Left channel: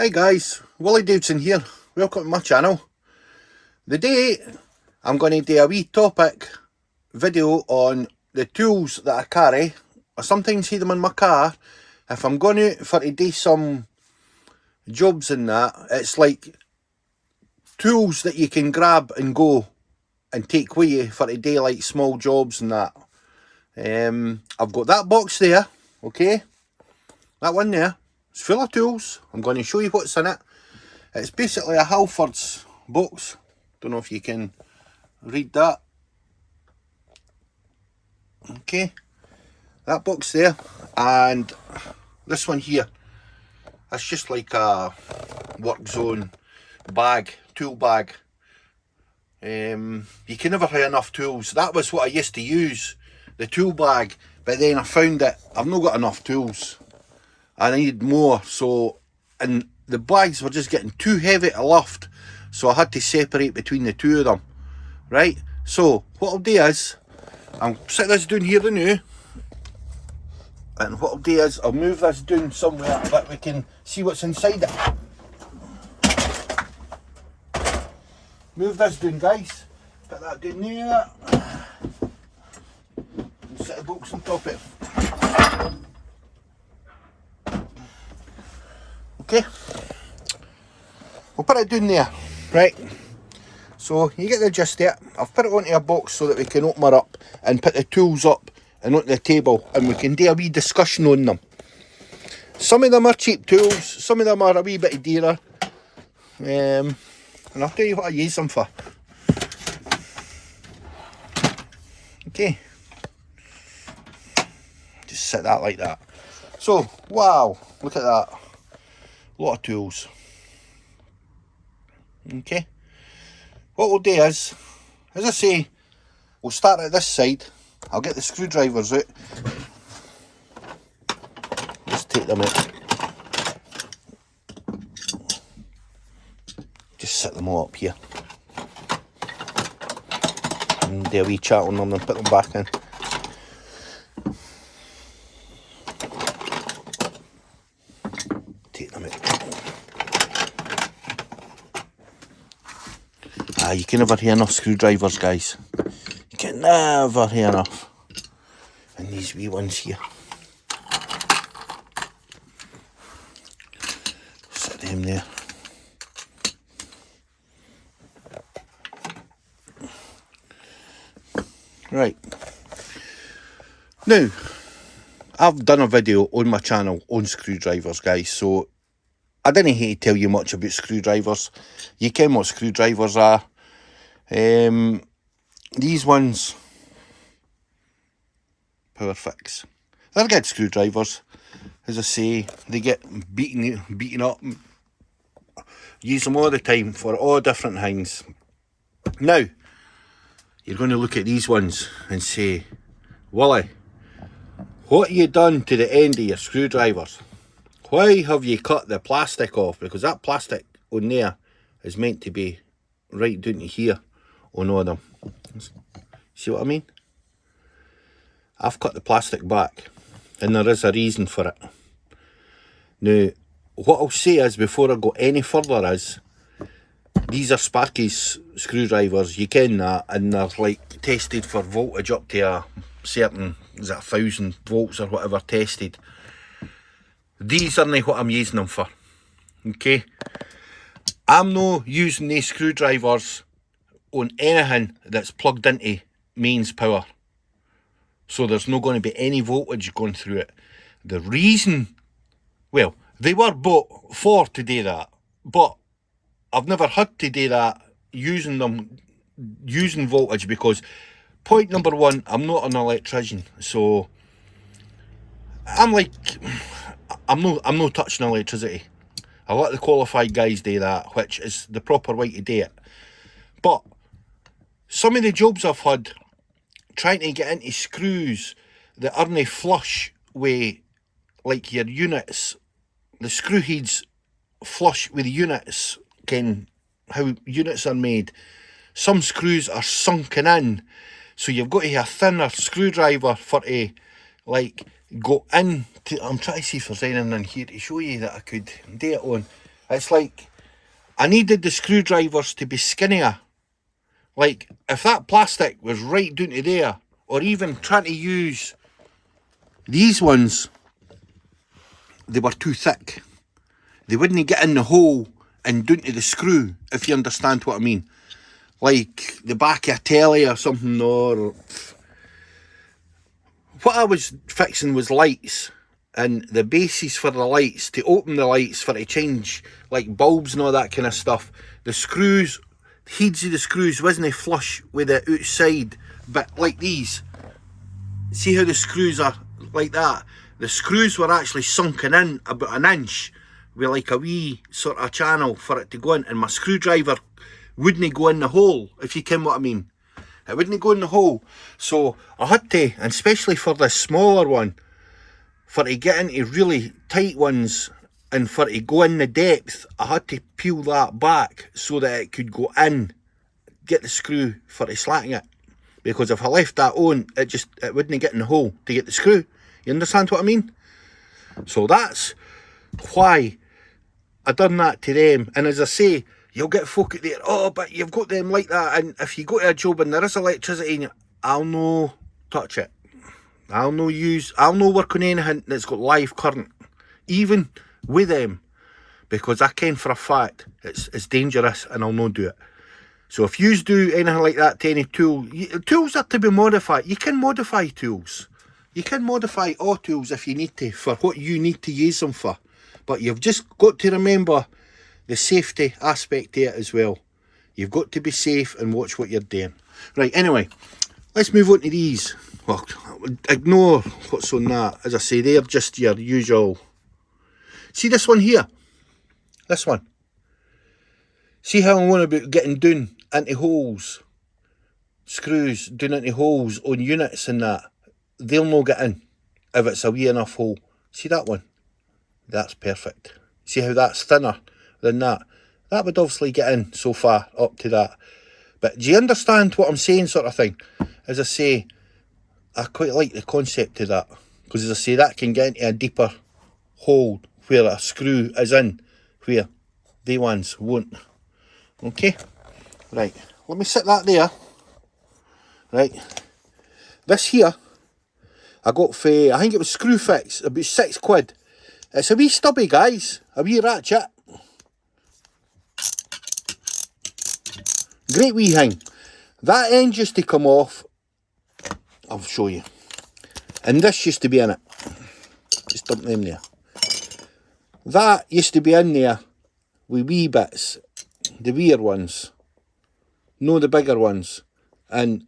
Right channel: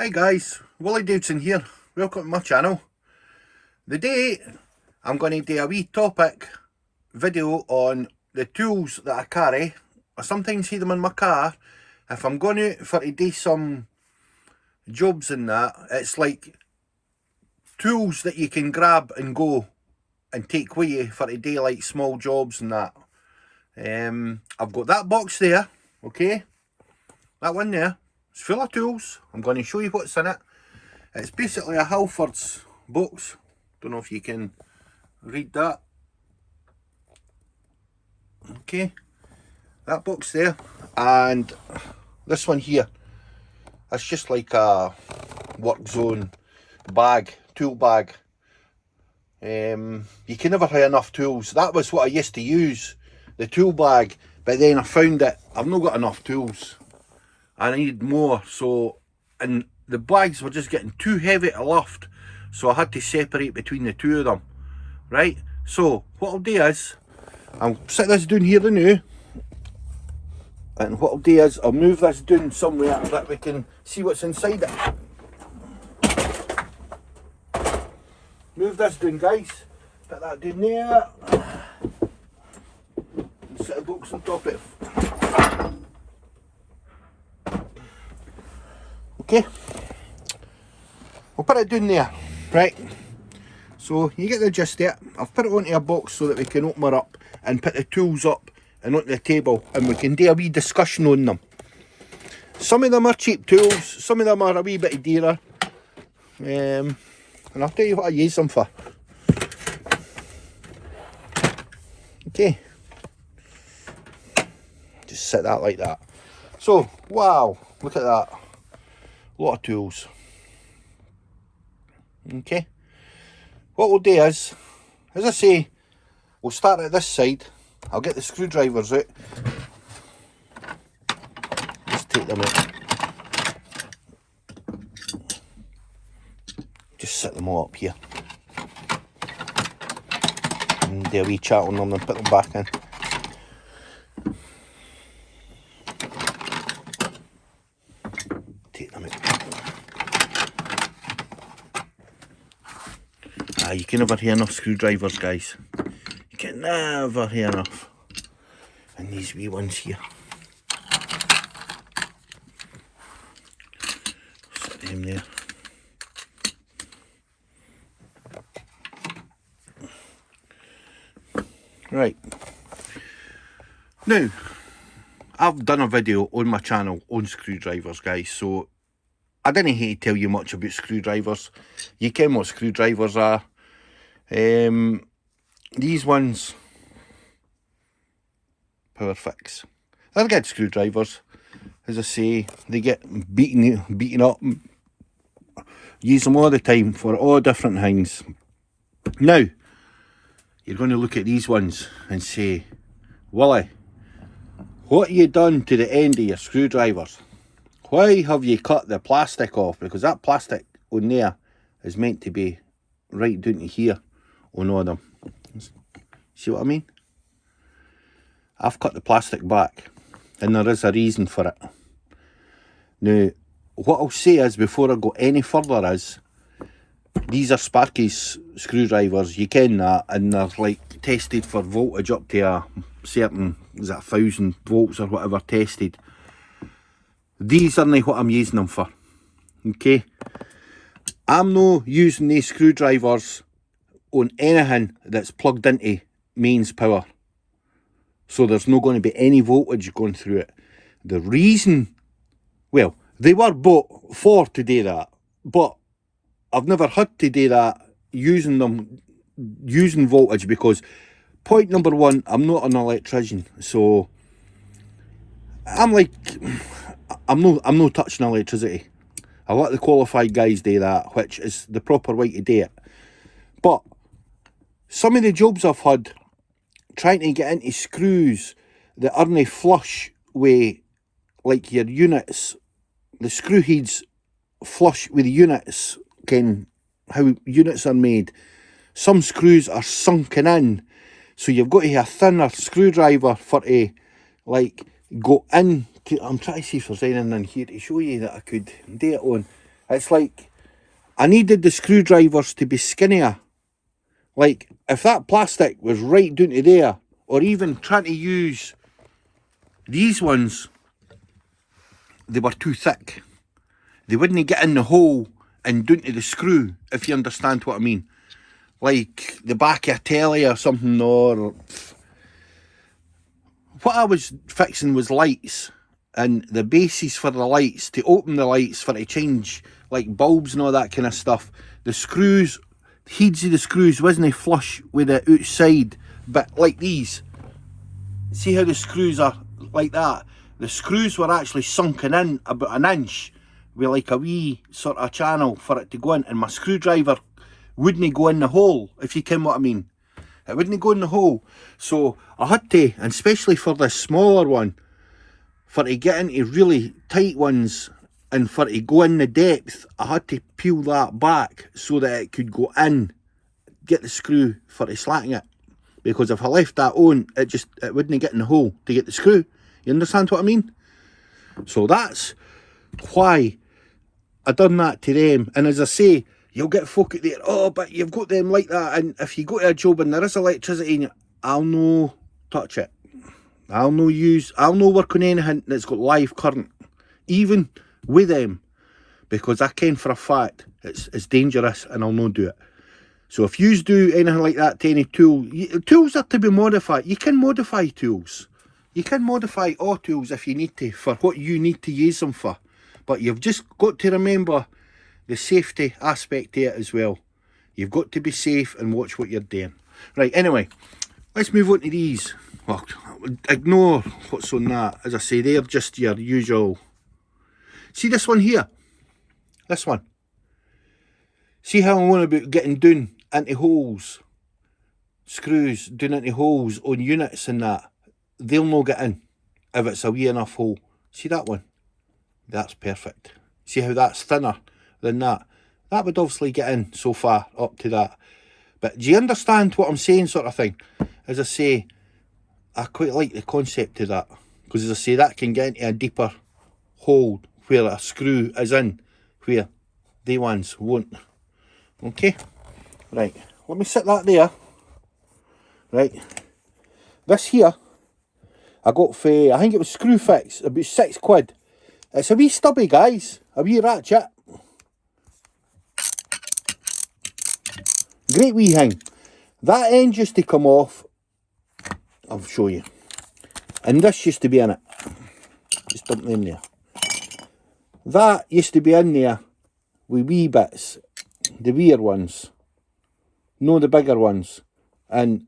Hi guys, Willie Davidson here. Welcome to my channel. Today I'm going to do a wee topic video on the tools that I carry. I sometimes see them in my car. If I'm going out for to do some jobs and that, it's like tools that you can grab and go and take with you for to do like small jobs and that. I've got that box there, okay? That one there. It's full of tools. I'm going to show you what's in it. It's basically a Halfords box. Don't know if you can read that. Okay. That box there. And this one here. It's just like a work zone bag, tool bag. You can never have enough tools. That was what I used to use, the tool bag. But then I found that I've not got enough tools. I need more, and the bags were just getting too heavy to lift, so I had to separate between the two of them, right? So what I'll do is, I'll sit this down here now, and what I'll do is, I'll move this down somewhere that we can see what's inside it. Move this down, guys. Put that down there. Set the box on top of it. Okay, we'll put it down there, right? So you get the gist of it. I've put it onto a box so that we can open her up and put the tools up and onto the table, and we can do a wee discussion on them. Some of them are cheap tools, some of them are a wee bit dearer, and I'll tell you what I use them for. Okay, just set that like that. So wow, look at that. A lot of tools. Okay, what we'll do is, as I say, we'll start at this side. I'll get the screwdrivers out. Just take them out. Just set them all up here. And do a wee chat on them and put them back in. Take them out. You can never hear enough screwdrivers, guys. You can never hear enough. And these wee ones here. Set them there. Right. Now, I've done a video on my channel on screwdrivers, guys, so I didn't hate to tell you much about screwdrivers. You ken what screwdrivers are. These ones, Power Fix. They're good screwdrivers. As I say, they get beaten up. Use them all the time for all different things. Now, you're going to look at these ones and say, Willie, what have you done to the end of your screwdrivers? Why have you cut the plastic off? Because that plastic on there is meant to be right down to here on all of them. See what I mean? I've cut the plastic back, and there is a reason for it. Now, what I'll say is, before I go any further, is these are Sparky's screwdrivers. You ken that, and they're like tested for voltage up to a certain, is it 1,000 volts or whatever tested. These aren't what I'm using them for. Okay, I'm not using these screwdrivers on anything that's plugged into mains power, so there's not going to be any voltage going through it. The reason, well, they were bought for to do that, but I've never had to do that using voltage, because point number one, I'm not an electrician, so I'm not touching electricity. I let the qualified guys do that, which is the proper way to do it. But some of the jobs I've had trying to get into screws that aren't flush with like your units, the screw heads flush with the units, how units are made. Some screws are sunken in, so you've got to have a thinner screwdriver for to like go in to, I'm trying to see if there's anything in here to show you that I could do it on. It's like, I needed the screwdrivers to be skinnier. Like, if that plastic was right down to there, or even trying to use these ones, they were too thick. They wouldn't get in the hole and down to the screw, if you understand what I mean. Like the back of a telly or something, or... What I was fixing was lights, and the bases for the lights, to open the lights, for to change like bulbs and all that kind of stuff, the screws, heads of the screws wasn't flush with the outside, but like these. See how the screws are like that? The screws were actually sunken in about an inch with like a wee sort of channel for it to go in, and my screwdriver wouldn't go in the hole, if you ken what I mean. It wouldn't go in the hole. So I had to, and especially for the smaller one, for to get into really tight ones and for to go in the depth, I had to peel that back so that it could go in, get the screw for to slacken it. Because if I left that on, it wouldn't get in the hole to get the screw. You understand what I mean? So that's why I done that to them. And as I say, you'll get folk out there, oh, but you've got them like that, and if you go to a job and there is electricity in it, I'll no touch it. I'll no work on anything that's got live current, even with them, because I ken for a fact it's dangerous and I'll no do it. So if you do anything like that to any tool, tools are to be modified. You can modify tools. You can modify all tools if you need to, for what you need to use them for. But you've just got to remember the safety aspect to it as well. You've got to be safe and watch what you're doing. Right, anyway, let's move on to these. Well, ignore what's on that. As I say, they're just your usual. See this one here? This one. See how I'm on about getting down into holes? Screws down into holes on units and that. They'll not get in if it's a wee enough hole. See that one? That's perfect. See how that's thinner than that? That would obviously get in so far up to that. But do you understand what I'm saying, sort of thing? As I say, I quite like the concept of that. Because as I say, that can get into a deeper hole where a screw is in, where they ones won't. Okay? Right. Let me set that there. Right. This here, I got for, I think it was Screwfix, about £6. It's a wee stubby, guys. A wee ratchet. Great wee thing. That end used to come off. I'll show you. And this used to be in it. Just dump them there. That used to be in there with wee bits. The weird ones. No, the bigger ones. And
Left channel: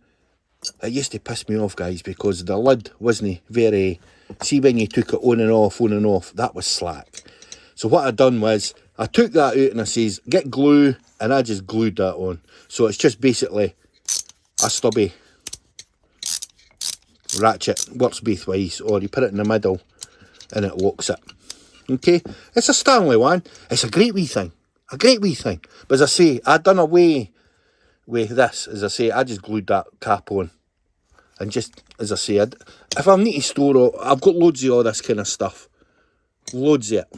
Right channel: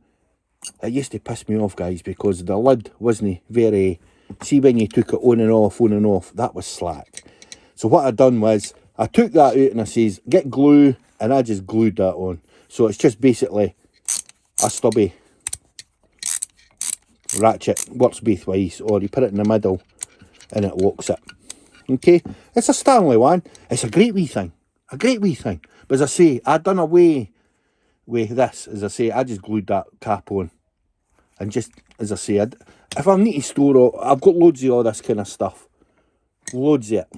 it used to piss me off, guys, because the lid wasn't very... See when you took it on and off, that was slack. So what I done was, I took that out and I says, get glue, and I just glued that on. So it's just basically a stubby ratchet. Works both ways, or you put it in the middle and it locks it. Okay, it's a Stanley one. It's a great wee thing. A great wee thing. But as I say, I done away with this. As I say, I just glued that cap on. And just, as I say, if I need to store it, I've got loads of all this kind of stuff. Loads of it.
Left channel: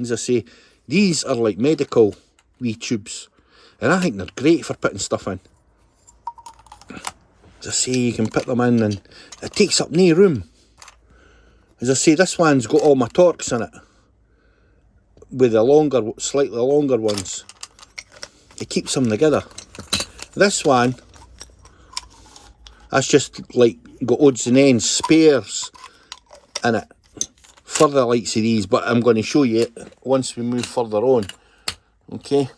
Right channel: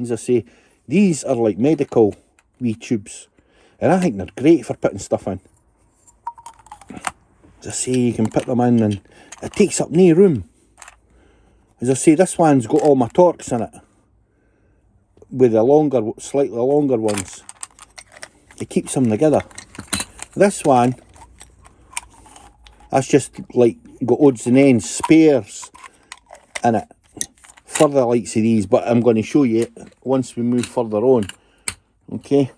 As I say, these are like medical wee tubes. And I think they're great for putting stuff in. As I say, you can put them in and it takes up no room. As I say, this one's got all my Torx in it. With the longer, slightly longer ones. It keeps them together. This one, that's just like got odds and ends, spares in it. For the likes of these, but I'm going to show you it once we move further on. Okay.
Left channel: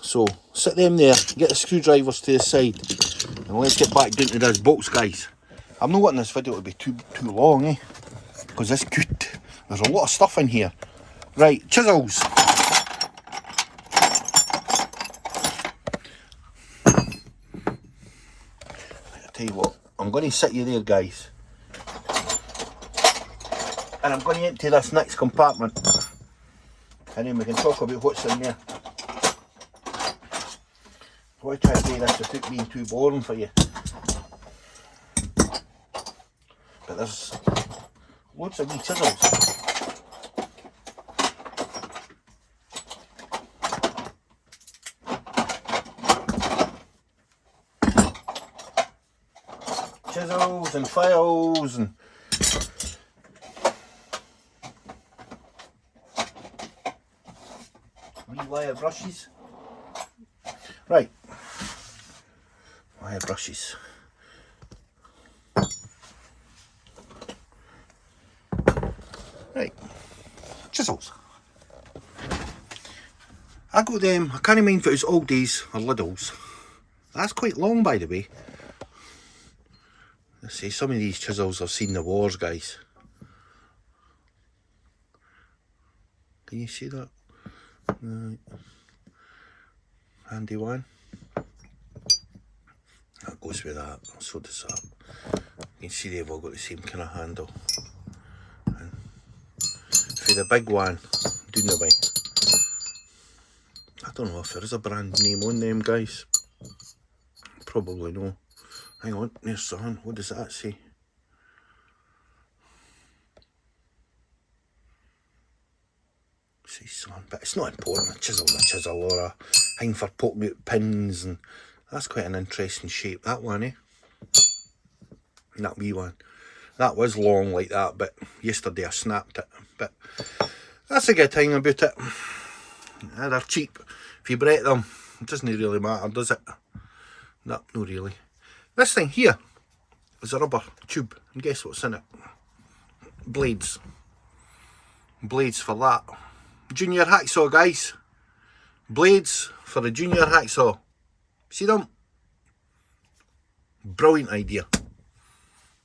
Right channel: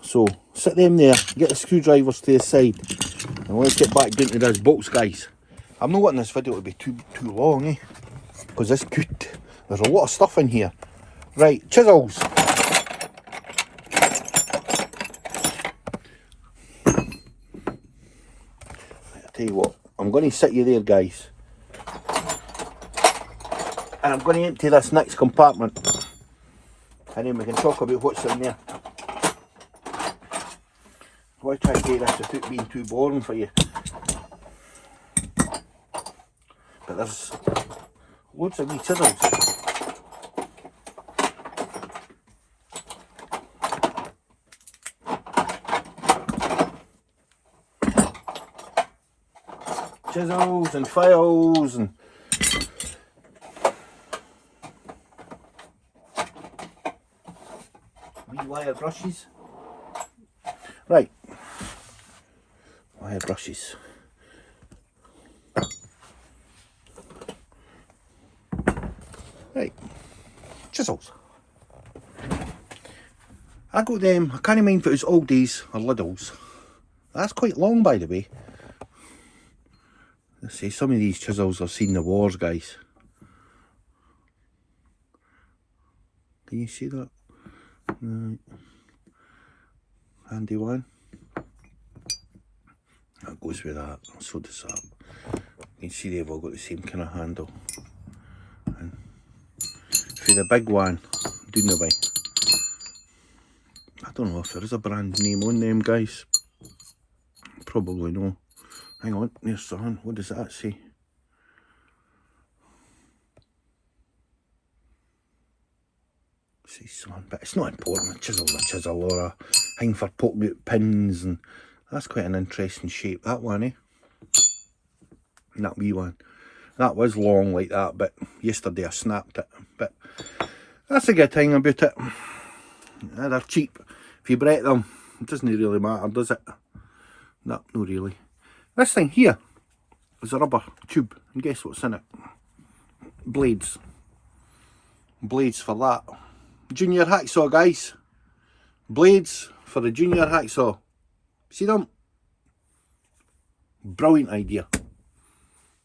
So, sit them there, get the screwdrivers to the side, and let's get back down to this box, guys. I'm not wanting this video to be too long, eh? Because it's good. There's a lot of stuff in here. Right, chisels. I'll tell you what, I'm going to sit you there, guys. And I'm going to empty this next compartment. And then we can talk about what's in there. Why try to do this without being too boring for you? But there's loads of wee chisels. chisels and files and wee wire brushes. Right, wire brushes. Right, chisels. I got them, I can't mind if it was Aldi's or Lidl's. That's quite long, by the way. Let's see, some of these chisels have seen the wars, guys. Can you see that? Right. Handy one. That goes with that, so does that. You can see they've all got the same kind of handle. And for the big one, down the way. I don't know if there is a brand name on them, guys. Probably no. Hang on, there's something. What does that say? Say something, but it's not important. A chisel or a thing for poking out pins, and that's quite an interesting shape, that one, eh? That wee one. That was long like that, but yesterday I snapped it. But that's a good thing about it. They're cheap. If you break them, it doesn't really matter, does it? No, not really. This thing here is a rubber tube, and guess what's in it? Blades. Blades for that. Junior hacksaw, guys. Blades for the junior hacksaw. See them? Brilliant idea.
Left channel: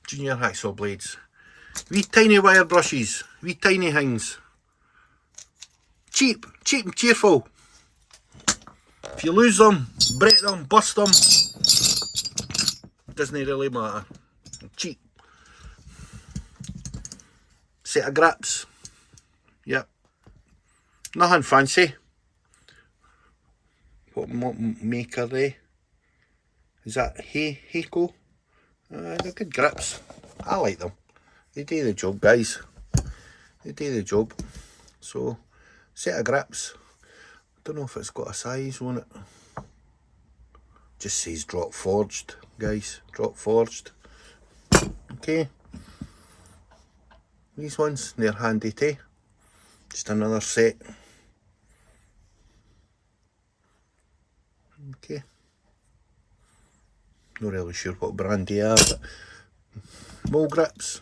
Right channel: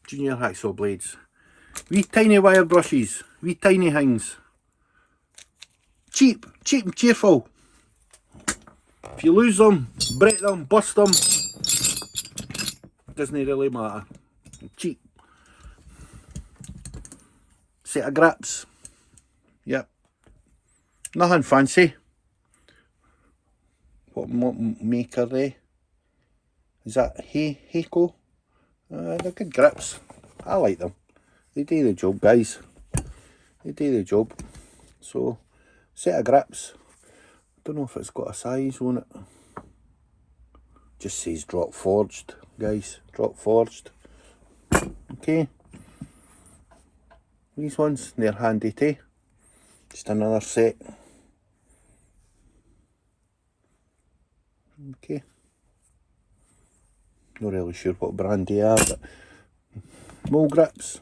Junior hacksaw blades. Wee tiny wire brushes. Wee tiny things. Cheap. Cheap and cheerful. If you lose them, break them, bust them, doesn't really matter. Cheap. Set of grips. Yep. Nothing fancy. What make are they? Is that Heiko? They're good grips. I like them. They do the job, guys. They do the job. So, set of grips. Don't know if it's got a size on it. Just says drop forged, guys. Drop forged. Okay. These ones, they're handy too. Just another set. Okay. Not really sure what brand they are, but mole grips.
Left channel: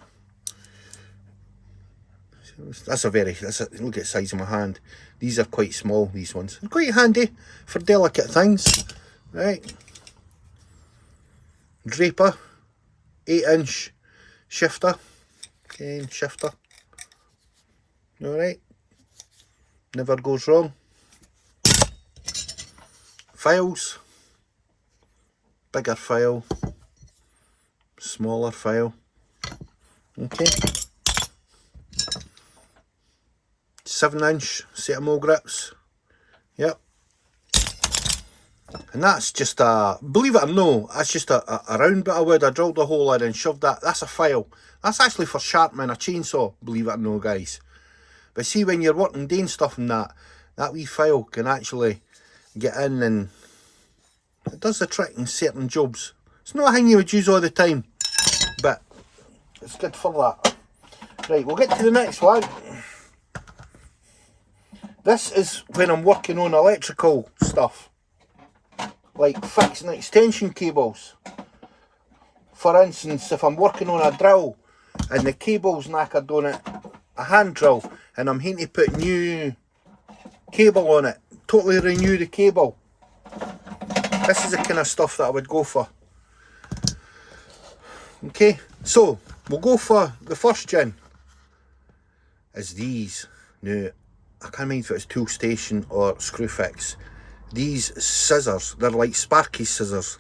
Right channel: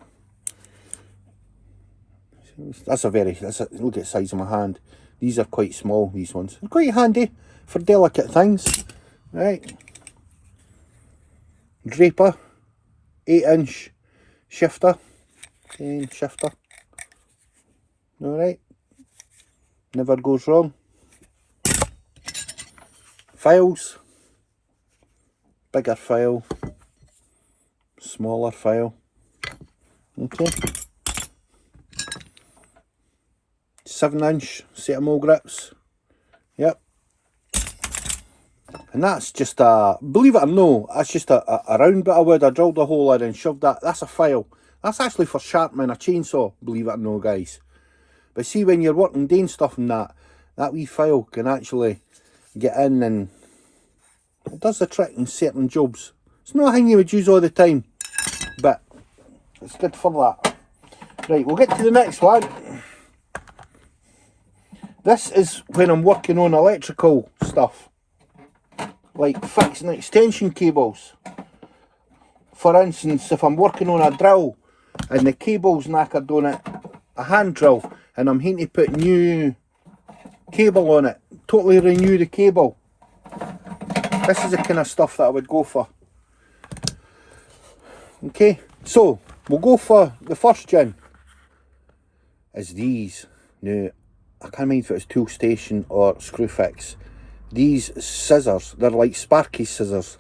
Look at the size of my hand. These are quite small, these ones. They're quite handy for delicate things. Right. Draper. 8-inch shifter. Okay, shifter. Alright. Never goes wrong. Files. Bigger file. Smaller file. Okay. 7-inch set of mole grips. Yep. And that's just a, believe it or no, that's just a round bit of wood. I drilled a hole in and shoved that. That's a file. That's actually for sharpening a chainsaw, believe it or no, guys. But see, when you're working doing stuff and that wee file can actually get in and it does the trick in certain jobs. It's not a thing you would use all the time, but it's good for that. Right, we'll get to the next one. This is when I'm working on electrical stuff, like fixing extension cables. For instance, if I'm working on a drill and the cable's knackered on it, a hand drill, and I'm having to put new cable on it, totally renew the cable. This is the kind of stuff that I would go for. Okay, so we'll go for the first gin. Is these. Now, I can't mind if it's tool station or Screwfix. These scissors, they're like Sparky scissors.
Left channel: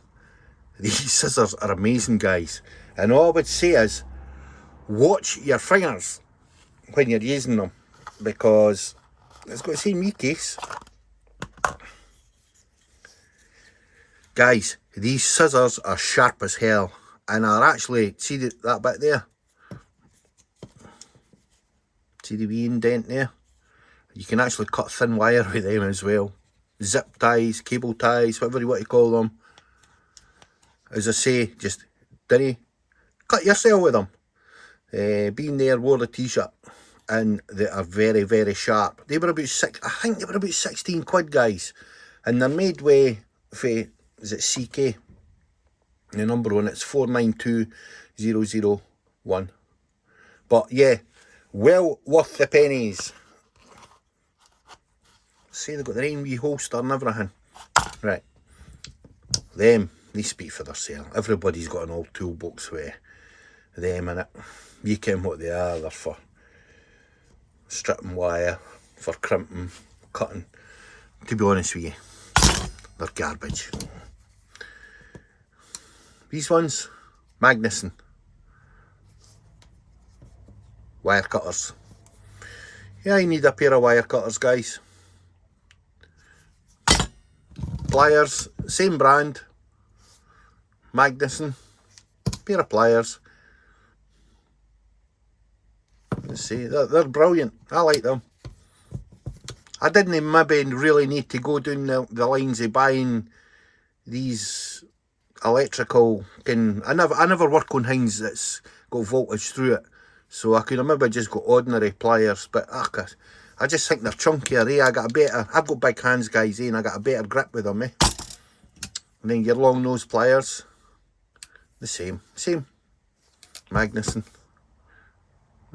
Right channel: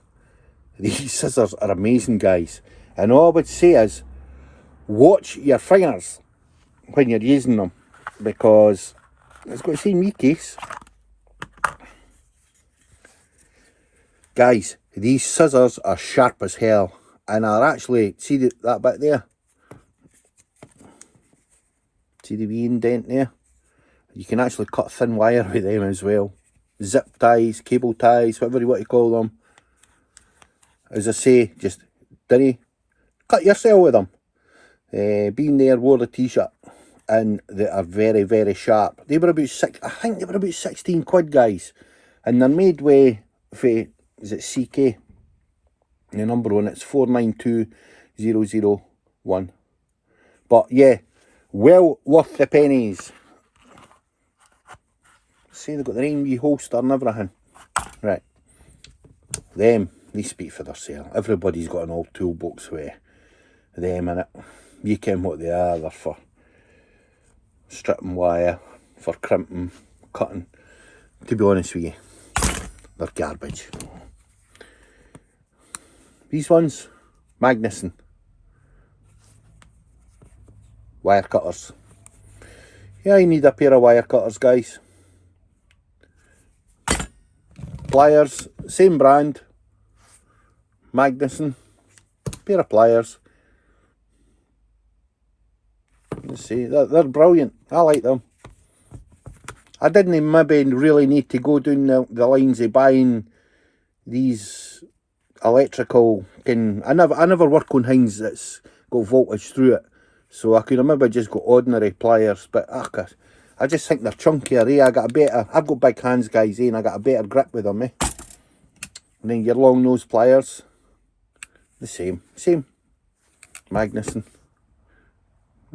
These scissors are amazing, guys. And all I would say is, watch your fingers when you're using them, because it's got the same wee case. Guys, these scissors are sharp as hell, and are actually, see that bit there? See the wee indent there? You can actually cut thin wire with them as well. Zip ties, cable ties, whatever you want to call them. As I say, just dinny cut yourself with them. Been there, wore the t-shirt, and they are very, very sharp. They were about I think they were about 16 quid, guys, and they're made with, is it CK? The number one, it's 492001. But yeah, well worth the pennies. See, they've got their own wee holster and everything. Right, they speak for themselves. Everybody's got an old toolbox with them in it. You ken what they are. They're for stripping wire, for crimping, cutting. To be honest with you, they're garbage. These ones, Magnuson. Wire cutters. Yeah, you need a pair of wire cutters, guys. Pliers, same brand. Magnuson. Pair of pliers. Let's see, they're brilliant. I like them. I didn't maybe really need to go down the lines of buying these electrical. I never work on things that's got voltage through it, so I could have maybe just got ordinary pliers. But I just think they're chunkier. I've got big hands, guys, and I got a better grip with them. And then your long nose pliers, the same. Magnuson.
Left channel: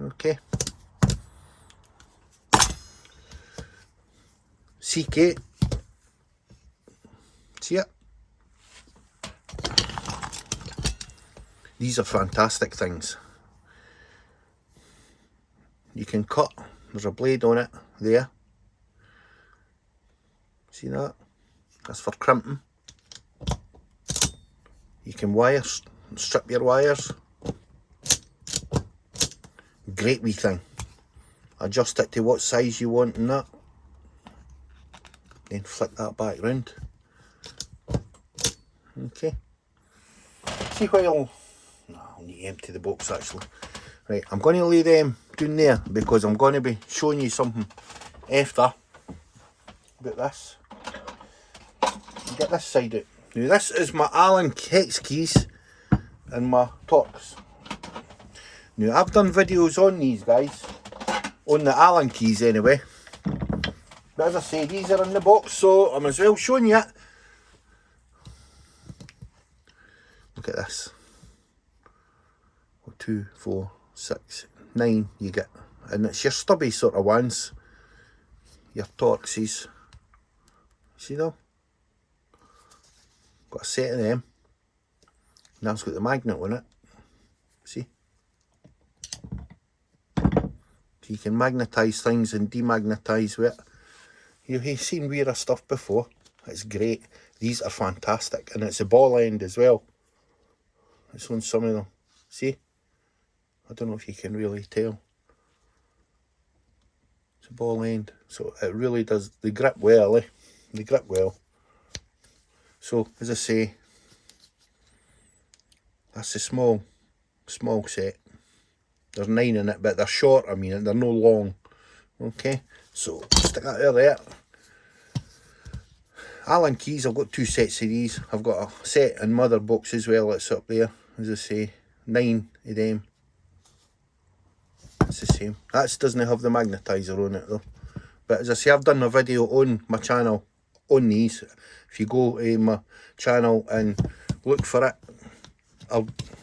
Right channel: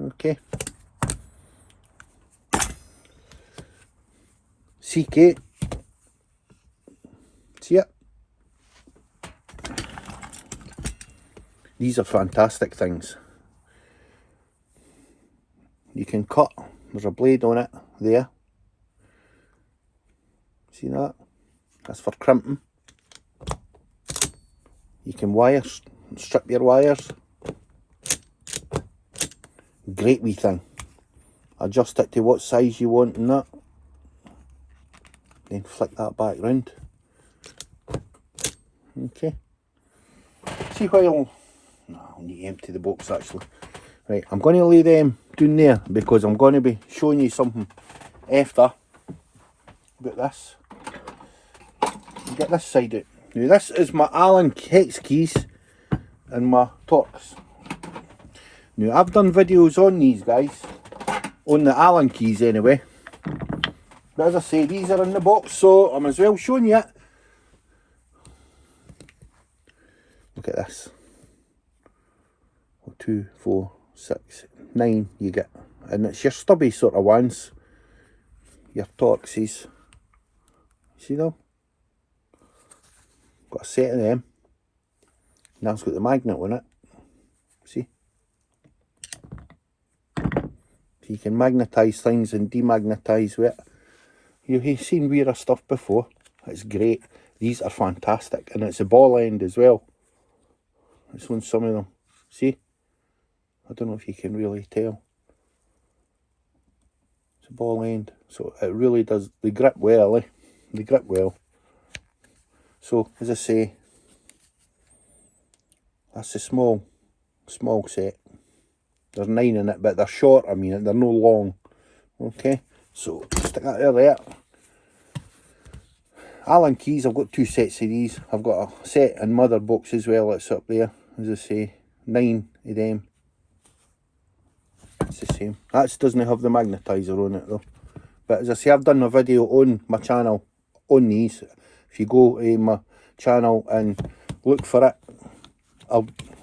Okay. CK. See it? These are fantastic things. You can cut. There's a blade on it there. See that? That's for crimping. You can strip your wires. Great wee thing. Adjust it to what size you want and that. Then flick that back round. Okay. See while... No, I need to empty the box actually. Right, I'm going to lay them down there because I'm going to be showing you something after about this. Get this side out. Now this is my Allen hex keys and my Torx. Now I've done videos on these, guys, on the Allen keys anyway. But as I say, these are in the box, so I'm as well showing you it. Look at this. 2, 4, 6, 9 you get. And it's your stubby sort of ones. Your Torxes. See them? Got a set of them. Now it's got the magnet on it. See? So you can magnetise things and demagnetise with it. You've seen weirder stuff before. It's great. These are fantastic. And it's a ball end as well. It's on some of them. See? I don't know if you can really tell. It's a ball end. So it really does. They grip well, eh? They grip well. So, as I say, that's a small set. There's 9 in it, but they're short, I mean, they're no long. Okay, so stick that there. Allen keys, I've got 2 sets of these. I've got a set in mother box as well, it's up there. As I say, 9 of them. It's the same. That doesn't have the magnetizer on it though. But as I say, I've done a video on my channel on these. If you go to my channel and look for it,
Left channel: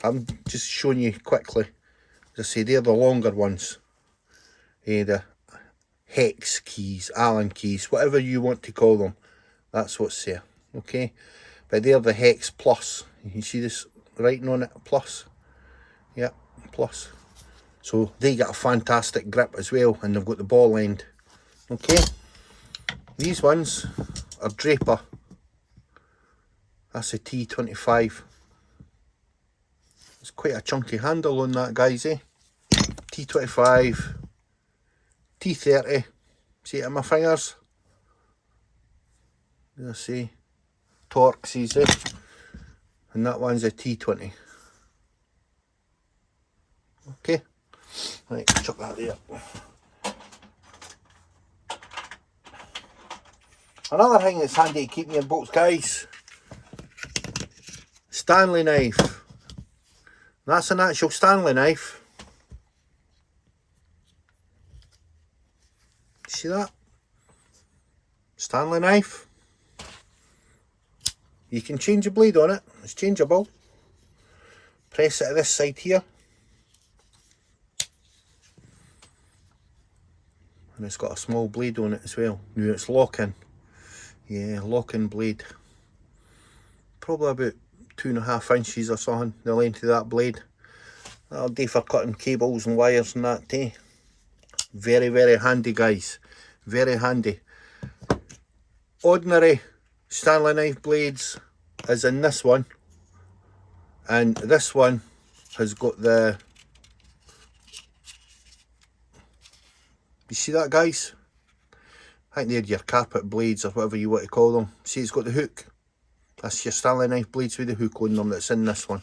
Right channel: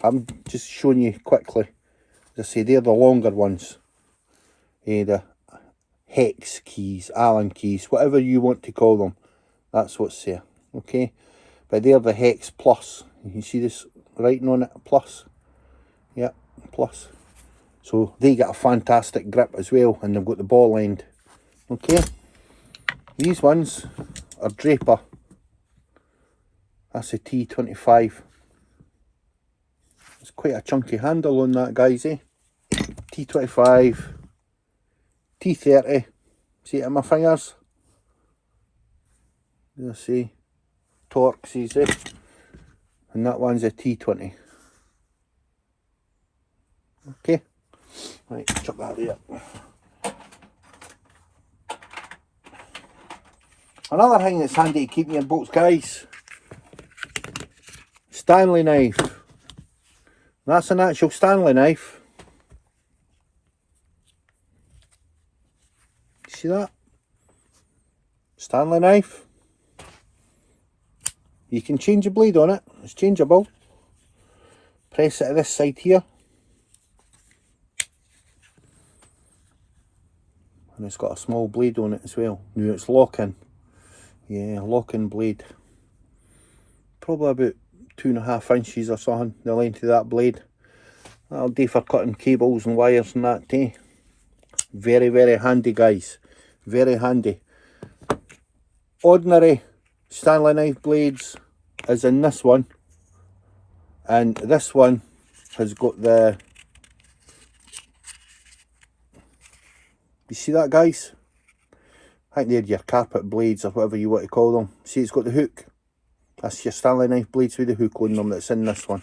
I'm just showing you quickly. As I say, they're the longer ones. The hex keys, Allen keys, whatever you want to call them. That's what's there. Okay? But they're the hex plus. You can see this writing on it, plus. Yep, plus. So they get a fantastic grip as well, and they've got the ball end. Okay? These ones are Draper. That's a T25. It's quite a chunky handle on that, guys, eh? T25, T30. See it in my fingers? Let's see. Torxes, eh? And that one's a T20. Okay. Right, chuck that there. Another thing that's handy to keep in your box, guys. Stanley knife. That's an actual Stanley knife. See that? Stanley knife. You can change the blade on it. It's changeable. Press it to this side here. And it's got a small blade on it as well. Now it's locking. Yeah, locking blade. Probably about 2.5 inches or something, the length of that blade. That'll do for cutting cables and wires and that too. Very, very handy, guys. Very handy. Ordinary Stanley knife blades is in this one. And this one has got the... You see that, guys? I think they're your carpet blades or whatever you want to call them. See, it's got the hook. That's your Stanley knife blades with the hook on them that's in this one.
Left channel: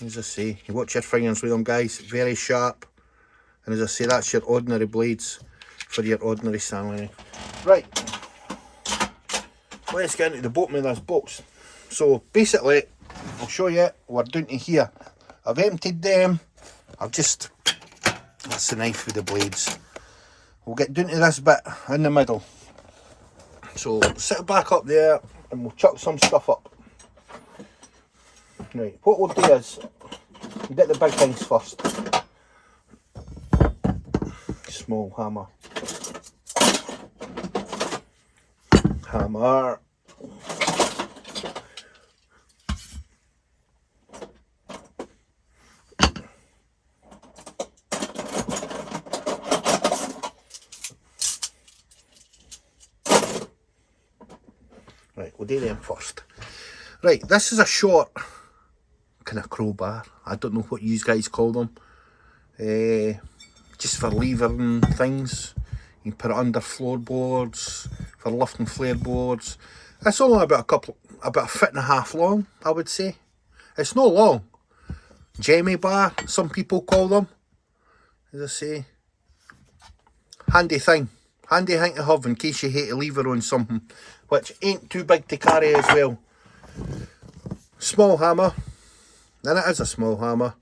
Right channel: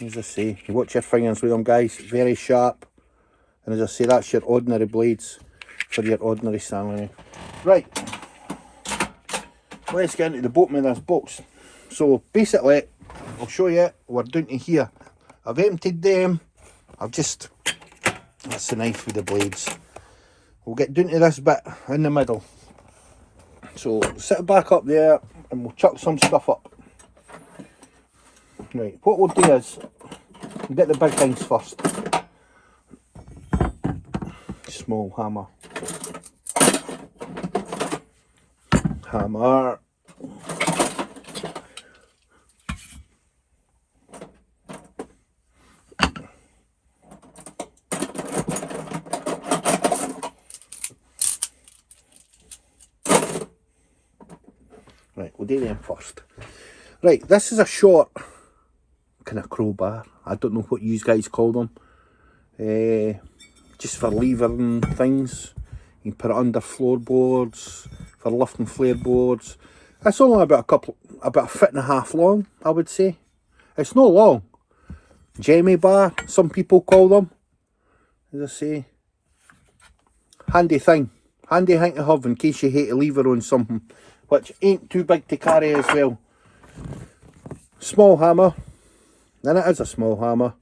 As I say, you watch your fingers with them, guys. Very sharp. And as I say, that's your ordinary blades for your ordinary Stanley knife. Right. Let's get into the bottom of this box. So, basically, I'll show you what we're doing to here. I've emptied them. That's the knife with the blades. We'll get down to this bit in the middle. So sit it back up there and we'll chuck some stuff up. Right, what we'll do is we'll get the big things first. Small hammer. Hammer. Right, we'll do them first. Right, this is a short kind of crowbar. I don't know what you guys call them. Just for levering things. You can put it under floorboards, for lifting flare boards. It's only about a 1.5 feet long, I would say. It's not long. Jammy bar, some people call them. As I say, handy thing. Handy thing to have in case you hate a lever on something, which ain't too big to carry as well. Small hammer. And it is a small hammer.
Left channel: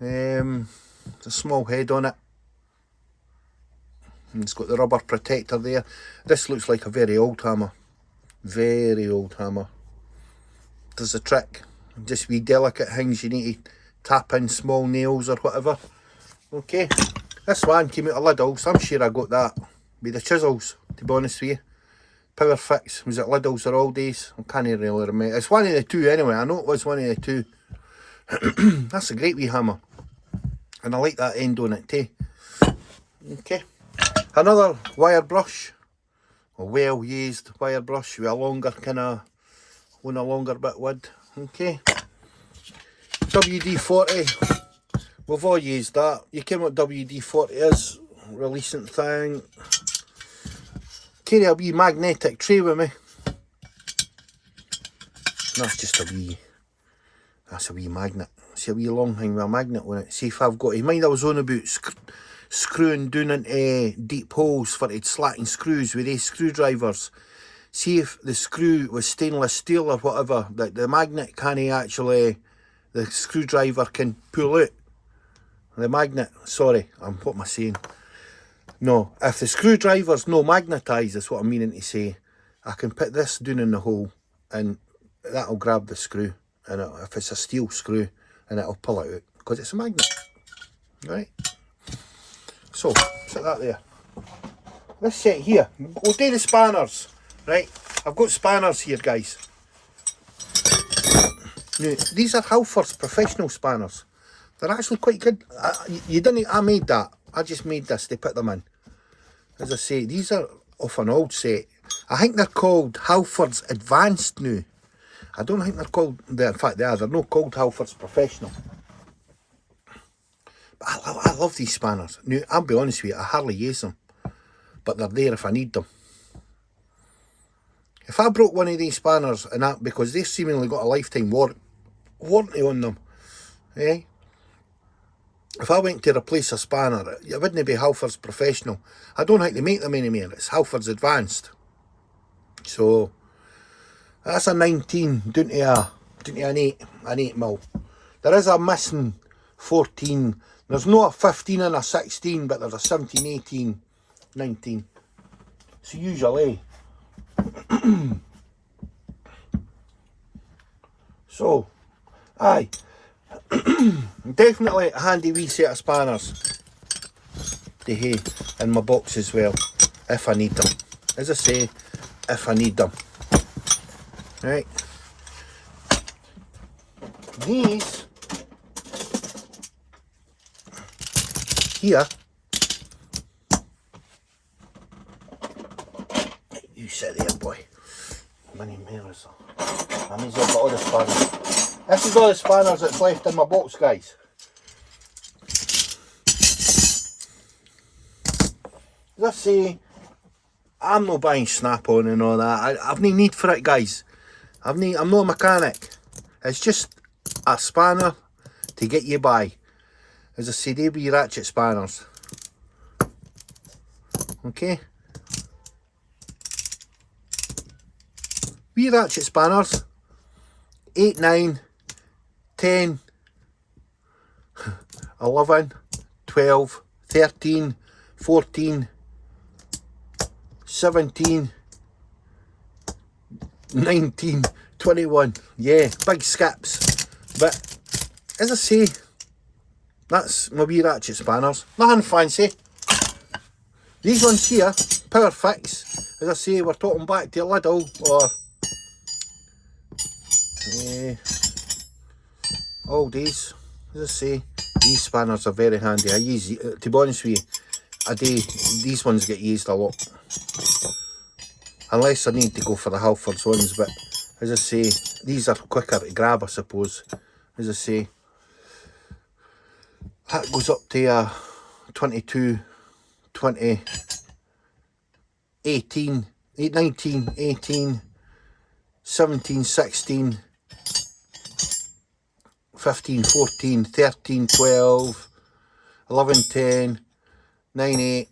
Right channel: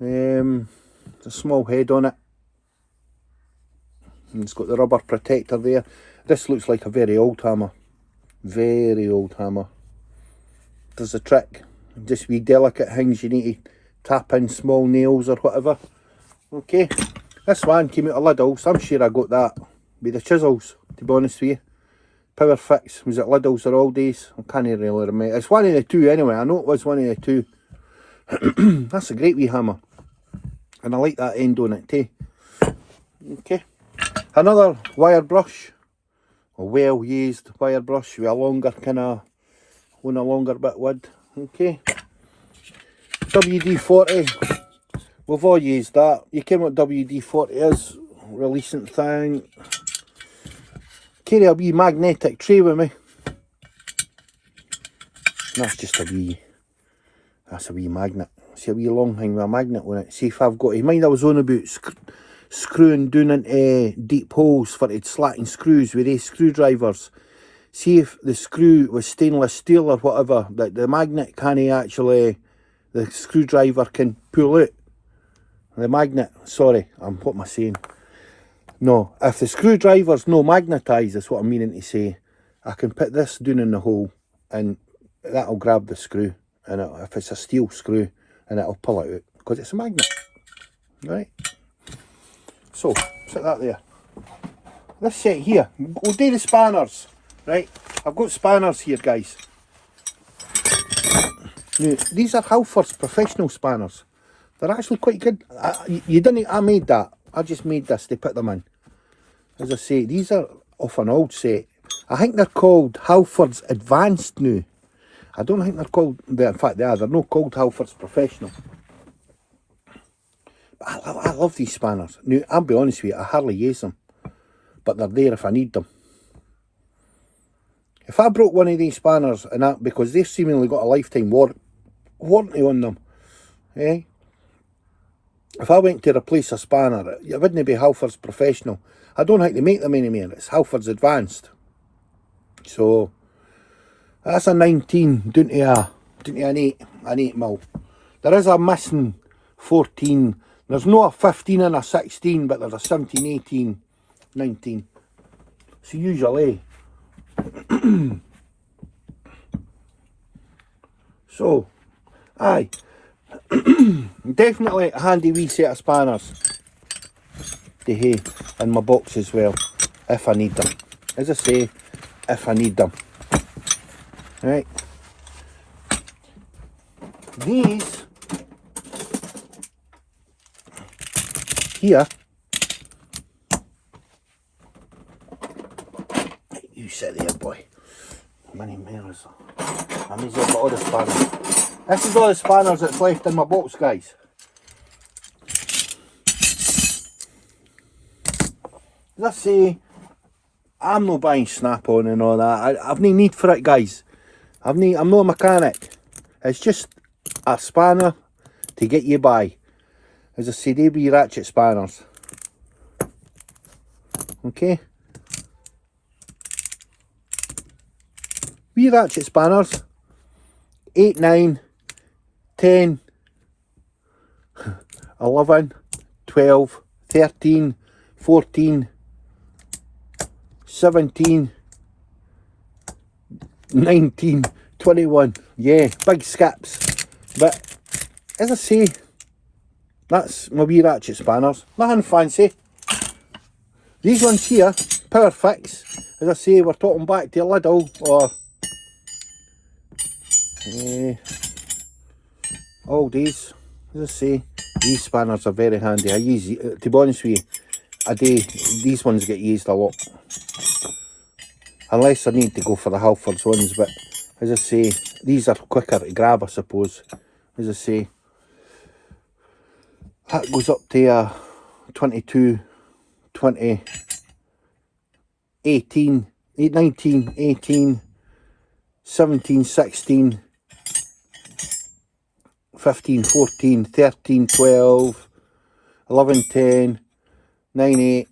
It's a small head on it. And it's got the rubber protector there. This looks like a very old hammer. Very old hammer. Does the trick. Just wee delicate things you need to tap in, small nails or whatever. Okay. This one came out of Lidl's. I'm sure I got that with the chisels, to be honest with you. Power Fix was at Lidl's or Aldi's. I can't really remember. It's one of the two anyway. I know it was one of the two. That's a great wee hammer. And I like that end on it too. Okay. Another wire brush. A well used wire brush with a longer on a longer bit of wood. Okay. WD-40. We've all used that. You can what WD-40 is. Releasing thing. Carry a wee magnetic tray with me. That's just a wee magnet. See a wee long thing with a magnet on it. See if I've got, mind I was on about screwing down into deep holes for it slacking screws with these screwdrivers. See if the screw was stainless steel or whatever, that the magnet can't actually, the screwdriver can pull out. The magnet, sorry, what am I saying? No, if the screwdriver's no magnetised, that's what I'm meaning to say. I can put this down in the hole and that'll grab the screw. And if it's a steel screw, and it'll pull it out because it's a magnet. Right? So, set that there. This set here, we'll do the spanners. Right? I've got spanners here, guys. Now, these are Halford's professional spanners. They're actually quite good. I made that. I just made this to put them in. As I say, these are off an old set. I think they're called Halford's Advanced now. I don't think they're called, in fact they are, they're not called Halford's Professional. But I love these spanners. Now, I'll be honest with you, I hardly use them. But they're there if I need them. If I broke one of these spanners, and that, because they've seemingly got a lifetime warranty on them, eh? If I went to replace a spanner, it wouldn't be Halford's Professional. I don't think they make them anymore. It's Halford's Advanced. So that's a 19 down to an 8 mil. There is a missing 14. There's no a 15 and a 16, but there's a 17, 18, 19. So usually. So, aye. Definitely a handy wee set of spanners to have in my box as well, if I need them. As I say, if I need them. Right. These here, you sit there, boy. How many mirrors? That means I've got all the spanners. This is all the spanners that's left in my box, guys. As I say, I'm not buying snap-on and all that. I've no need for it, guys. I'm not a mechanic. It's just a spanner to get you by. As I say, they be ratchet spanners. Okay? Wee ratchet spanners. 8, 9, 10, 11, 12, 13, 14, 17, 19, 21. Yeah, big skips. But as I say, that's my wee ratchet spanners. Nothing fancy. These ones here, power fix. As I say, we're talking back to a Lidl or all these. As I say, these spanners are very handy. I use, to be honest with you, a day these ones get used a lot. Unless I need to go for the Halfords ones, but as I say, these are quicker to grab, I suppose. As I say, that goes up to 22, 20, 18, 19, 18, 17, 16, 15, 14, 13, 12, 11, 10, 9, 8,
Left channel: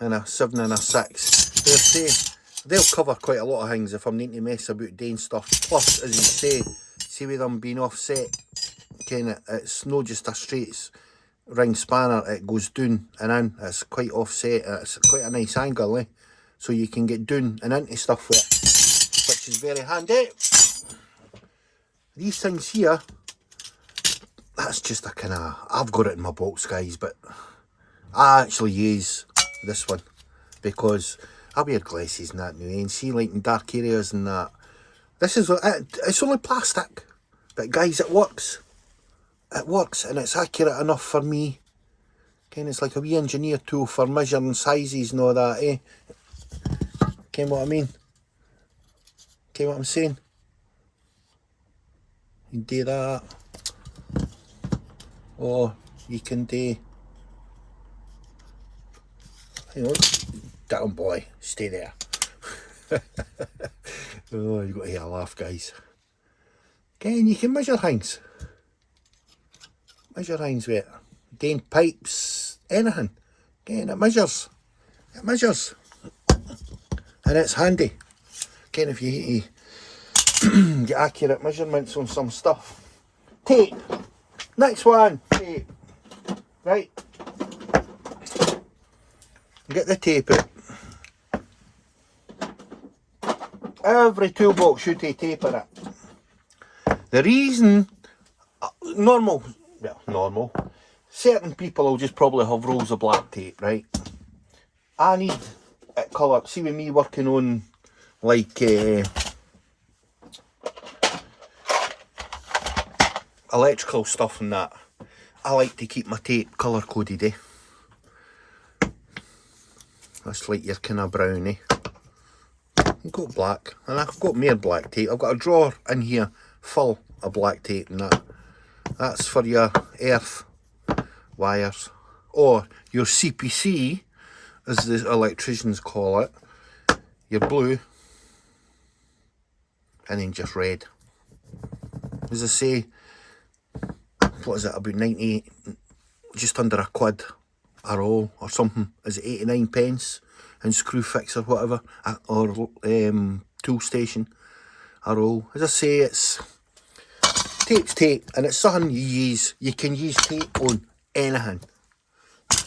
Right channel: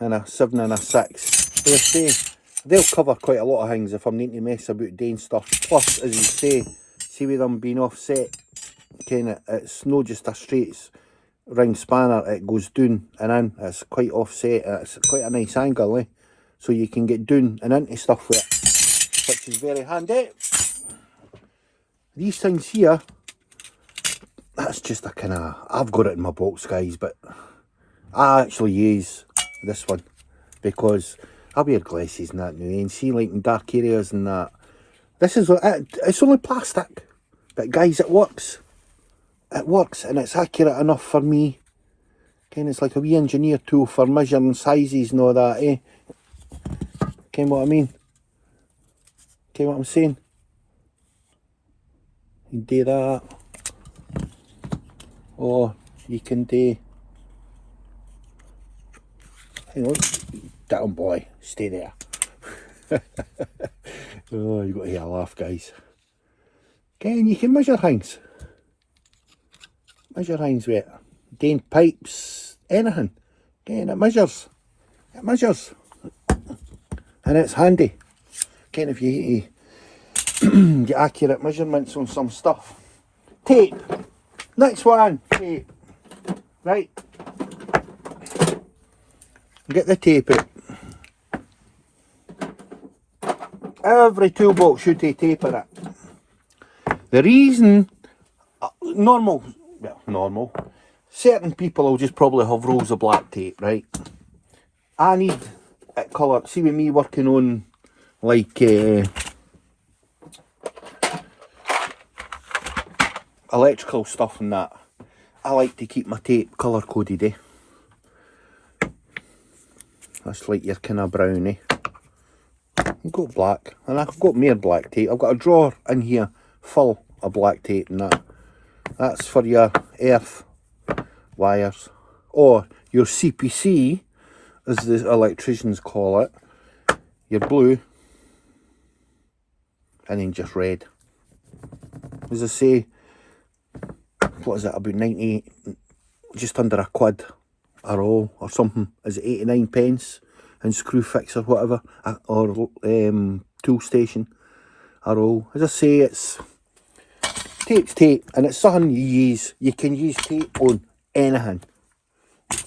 and a 7 and a 6. As I say, they'll cover quite a lot of things if I'm needing to mess about doing stuff. Plus, as you say, see with them being offset, it's not just a straight ring spanner, it goes down and in. It's quite offset, it's quite a nice angle, eh? So you can get down and into stuff with it, which is very handy. These things here, that's just a kind of, I've got it in my box, guys, but I actually use this one because I wear glasses and that now, and see, like in dark areas and that. This is, it's only plastic, but guys, it works. It works, and it's accurate enough for me. It's like a wee engineer tool for measuring sizes and all that, eh? What I mean? What I'm saying? You do that, or you can do, hang on, down boy, stay there. Oh, you got to hear a laugh, guys. And you can measure things. Measure things with it. Doing pipes, anything. It measures. It measures. And it's handy. If you need to get accurate measurements on some stuff. Tape. Next one. Tape. Right. Get the tape out. Every toolbox should have tape in it. The reason, normal, certain people will just probably have rolls of black tape, right? I need it colour. See, with me working on like electrical stuff and that, I like to keep my tape colour coded, eh? That's like your kind of brown, eh? You've got black, and I've got more black tape. I've got a drawer in here full of black tape and that. That's for your earth wires, or your CPC, as the electricians call it. Your blue, and then just red. As I say, what is it, about 90, just under a quid a roll or something, is it 89 pence in screw fix or whatever, or tool station a roll. As I say, it's tape's tape, and it's something you can use tape on anything.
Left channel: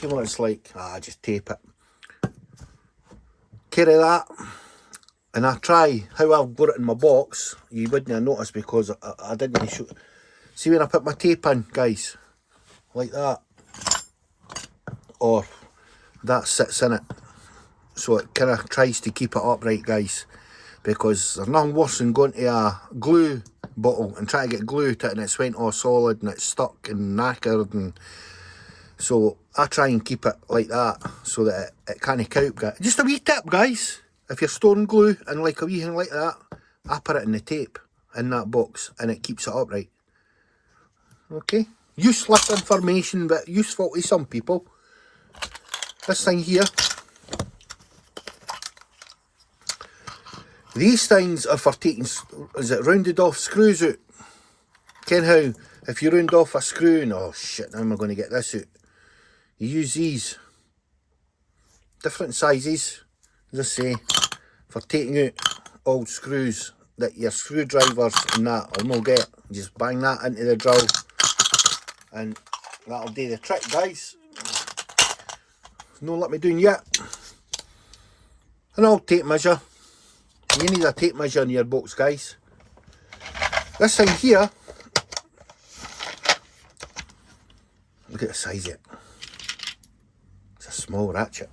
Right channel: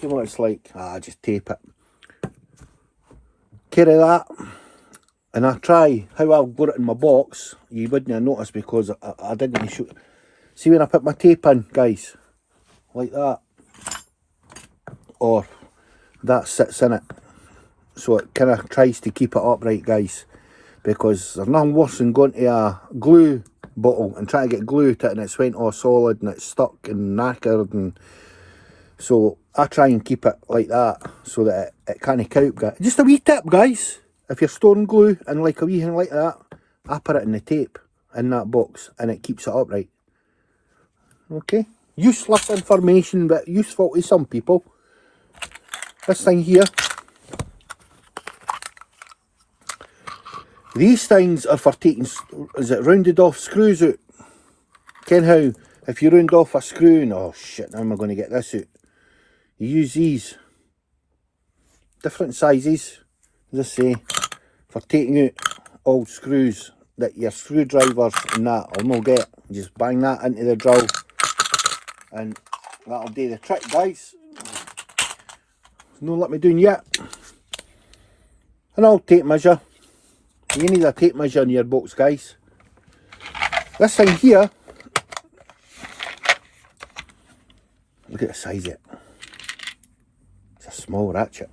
You know what it's like? Just tape it. Carry that, and I try how I've got it in my box. You wouldn't have noticed because I didn't show. See when I put my tape in, guys, like that, or that sits in it, so it kind of tries to keep it upright, guys, because there's nothing worse than going to a glue bottle and trying to get glue to it and it's went all solid and it's stuck and knackered, and so I try and keep it like that so that it can't count. Just a wee tip, guys, if you're storing glue and like a wee thing like that, I put it in the tape in that box and it keeps it upright. Okay, useless information but useful to some people. This thing here, these things are for taking, is it rounded off screws out? Ken how, if you round off a screw and, oh shit, how am I going to get this out? You use these, different sizes, as I say, for taking out old screws that your screwdrivers and that will not get. Just bang that into the drill and that'll do the trick, guys. No let me down yet. An old tape measure. You need a tape measure in your box, guys. This thing here, look at the size of it. It's a small ratchet.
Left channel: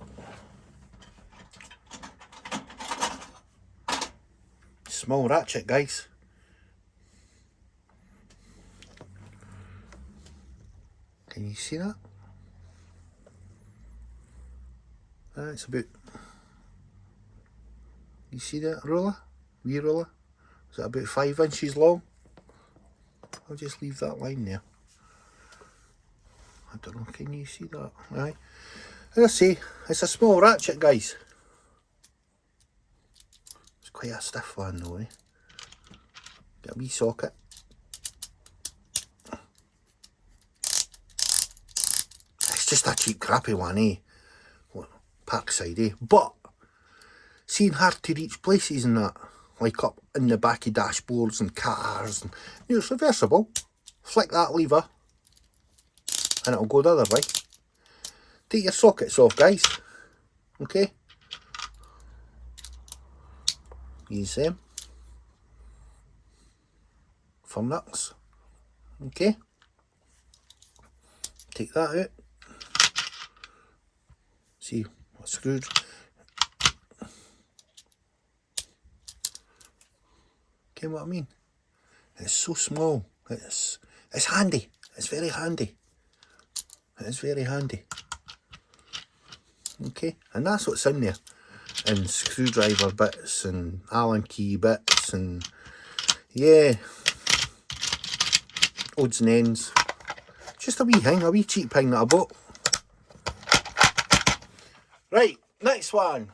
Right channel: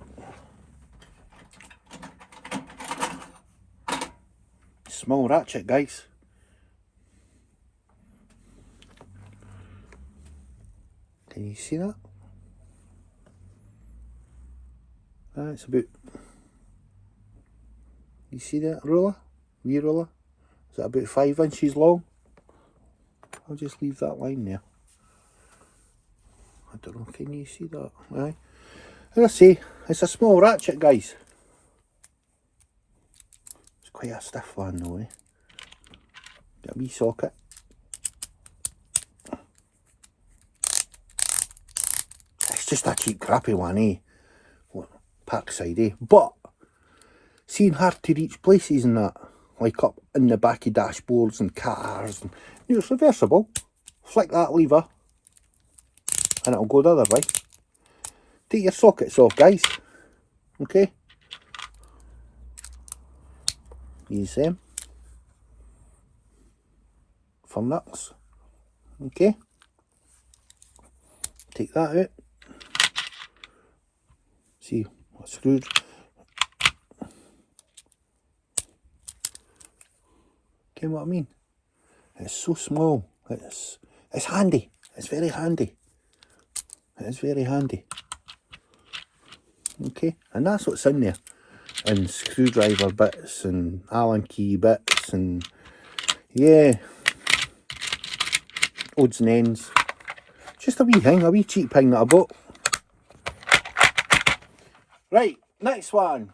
Small ratchet, guys. Can you see that? It's about, you see that ruler? Wee ruler? Is that about 5 inches long? I'll just leave that line there. I don't know, can you see that? Right. As I say, it's a small ratchet, guys. It's quite a stiff one though, eh? Got a wee socket. It's just a cheap crappy one, eh? Parkside, eh? But seeing hard to reach places and that, like up in the back of dashboards and cars, and you know, it's reversible. Flick that lever and it'll go the other way. Take your sockets off, guys. Okay, use them for nuts. Okay, take that out. See, I screwed. Okay, what I mean? It's so small. It's handy. It's very handy. It's very handy. Okay, and that's what's in there. And screwdriver bits and Allen key bits and yeah, odds and ends. Just a wee thing, a wee cheap thing that I bought. Right, next one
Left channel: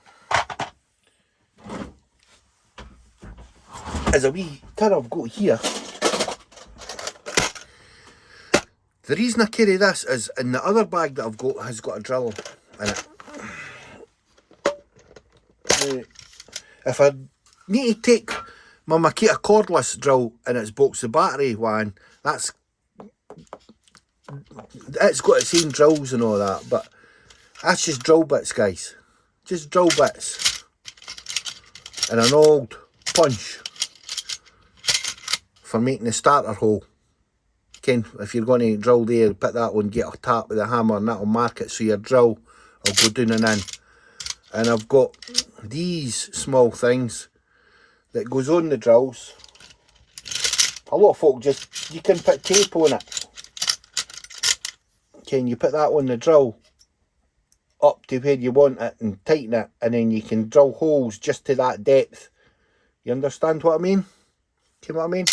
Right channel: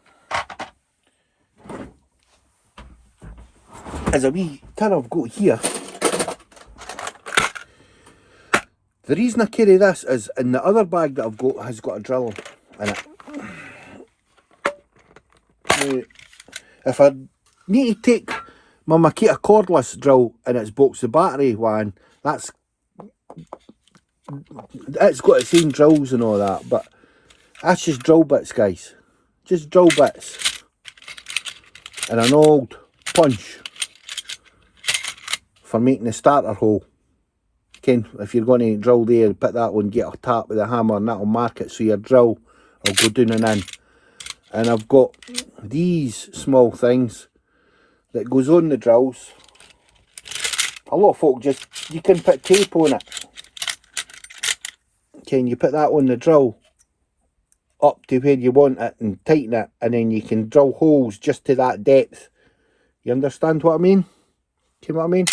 is a wee tin I've got here. The reason I carry this is in the other bag that I've got has got a drill in it. Now, if I need to take my Makita cordless drill in its box, the battery one, it's got its own drills and all that, but that's just drill bits, guys. Just drill bits. And an old punch for making a starter hole. Ken, if you're going to drill there, put that on, get a tap with a hammer and that'll mark it so your drill will go down and in. And I've got these small things that goes on the drills. A lot of folk just, you can put tape on it. Ken, you put that on the drill up to where you want it and tighten it, and then you can drill holes just to that depth. You understand what I mean? You know what I mean?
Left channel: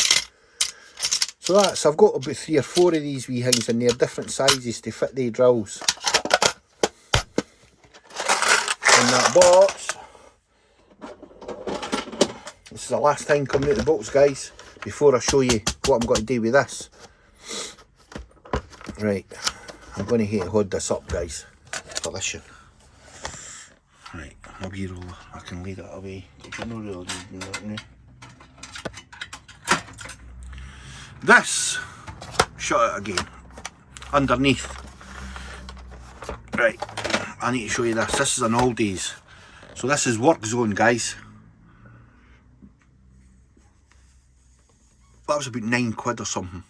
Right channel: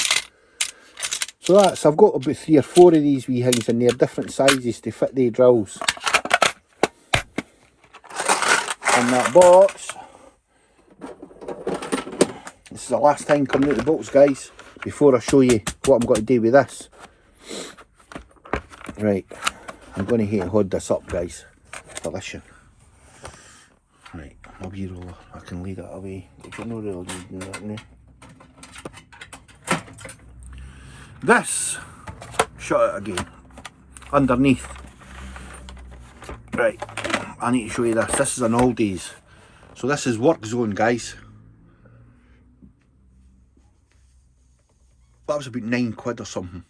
So that's, I've got about 3 or 4 of these wee things in there, different sizes to fit the drills. In that box, this is the last thing coming out of the box, guys, before I show you what I'm going to do with this. Right, I'm going to hold this up, guys, for this one. Right, a wee roller, I can lay that away. No real need that now. This, shut it again, underneath. Right, I need to show you this. This is an Aldi's. So this is work zone, guys. That was about £9 or something.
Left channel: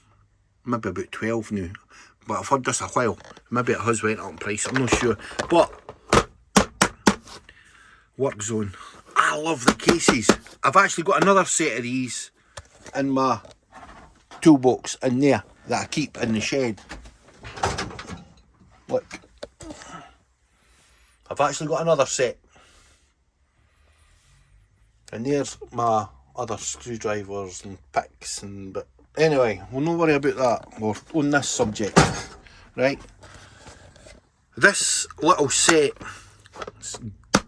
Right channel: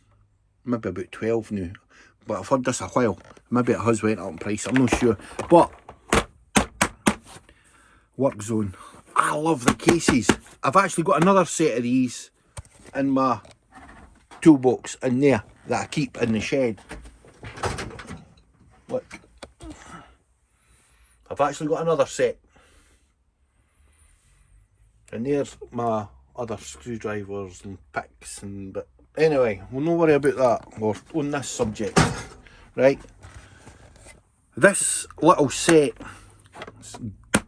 Maybe about 12 now. But I've heard this a while. Maybe it has went up in price, I'm not sure. But work zone. I love the cases. I've actually got another set of these in my toolbox in there that I keep in the shed. Look. I've actually got another set. And there's my other screwdrivers and picks and but anyway, we'll not worry about that or on this subject. Right. This little set,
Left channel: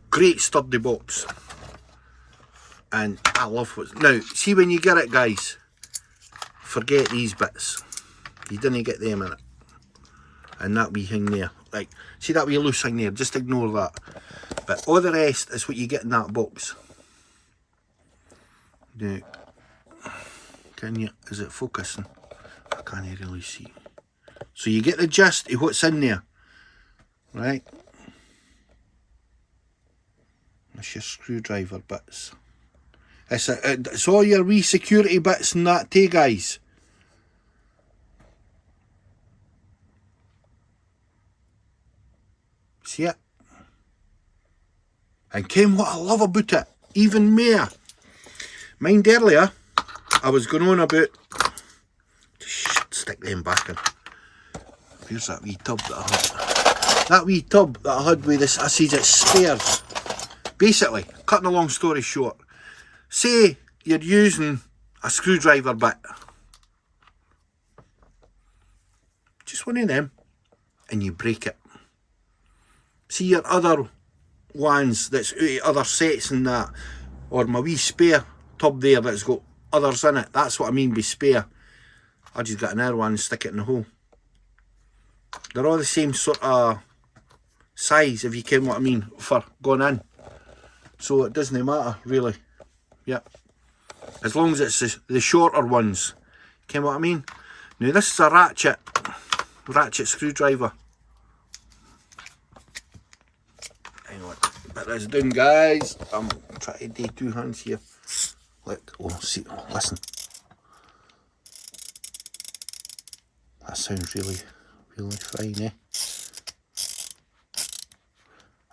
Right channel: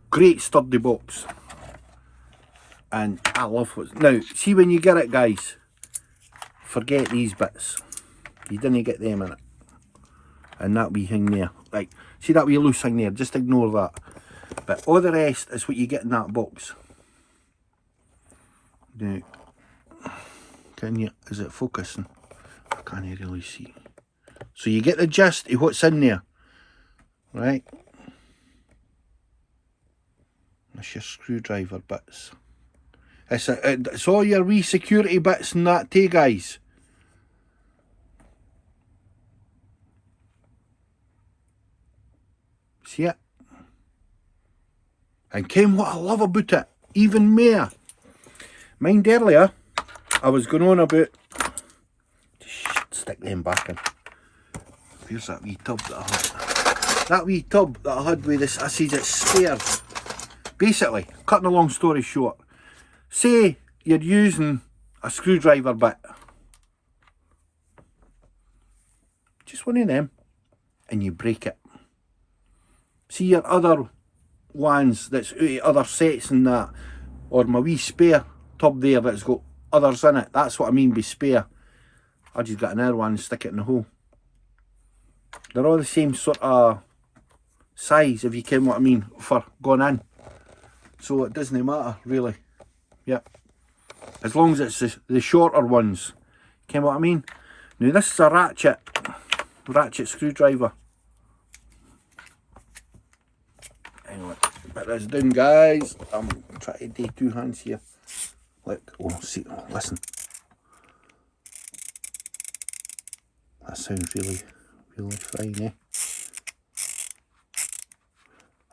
great sturdy box. And I love it. Now, see when you get it, guys, forget these bits. You didn't get them in it. And that wee thing there. Right, see that wee loose thing there, just ignore that. But all the rest is what you get in that box. Now, can you, is it focusing? I can't really see. So you get the gist of what's in there. Right. That's your screwdriver bits. It's all your wee security bits and that too, guys. See it? And Ken, what I love about it, even more. Mind earlier, I was going on about, just stick them back in. Here's that wee tub that I had. That wee tub that I had with this, I says it's spares. Basically, cutting a long story short, say you're using a screwdriver bit. Just one of them, and you break it. See your other ones that's out of other sets and that, or my wee spare tub there that's got others in it. That's what I mean by spare. I just got another one and stick it in the hole. They're all the same sort of size, if you ken what I mean, for going in. So it doesn't matter, really. Yep. As long as it's the shorter ones. Ken what I mean? Now this is a ratchet screwdriver. Anyway, put this down, guys. I'm trying to do two hands here. Look, oh, see, listen. That sounds really, really fine, eh?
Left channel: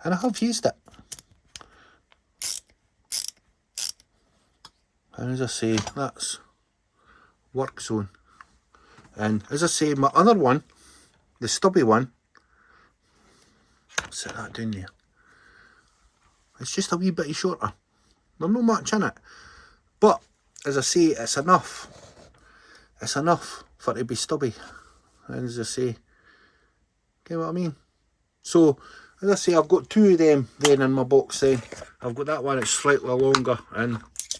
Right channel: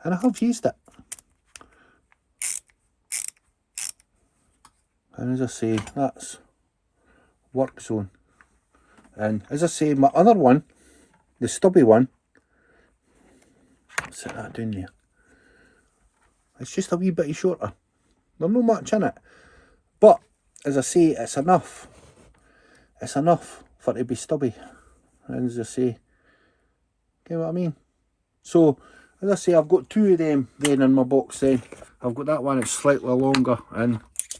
And I have used it. And as I say, that's work zone. And as I say, my other one, the stubby one, I'll set that down there. It's just a wee bit shorter. There's not much in it. But, as I say, it's enough. It's enough for it to be stubby. And as I say, get what I mean? So, as I say, I've got two of them then in my box then. I've got that one that's slightly longer.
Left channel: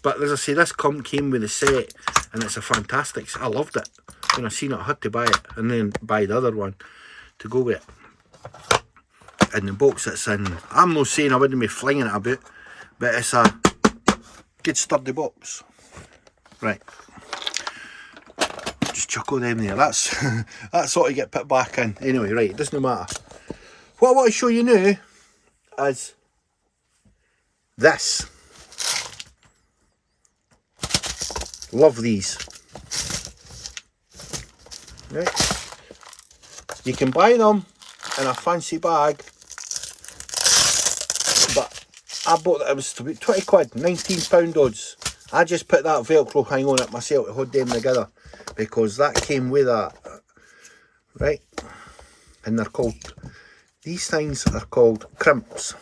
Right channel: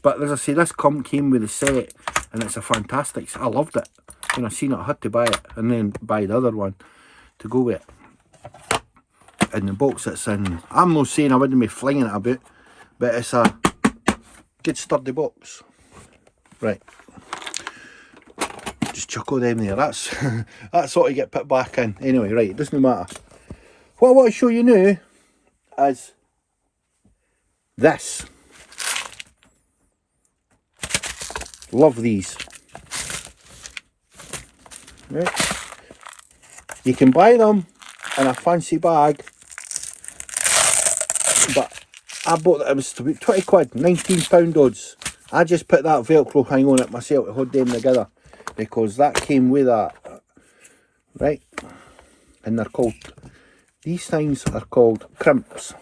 But as I say, this came with the set. And it's a fantastic, I loved it. When I seen it, I had to buy it. And then buy the other one to go with it. And the box it's in, I'm not saying I wouldn't be flinging it about, but it's a good sturdy box. Right. Just chuckle them there. That's sort of get put back in. Anyway, right, it doesn't matter. What I want to show you now is this. Love these. Right. You can buy them in a fancy bag, but I bought it was about 20 quid, £19 odds. I just put that Velcro hang on it myself to hold them together because that came with that, right? And they're called, these things are called crimps.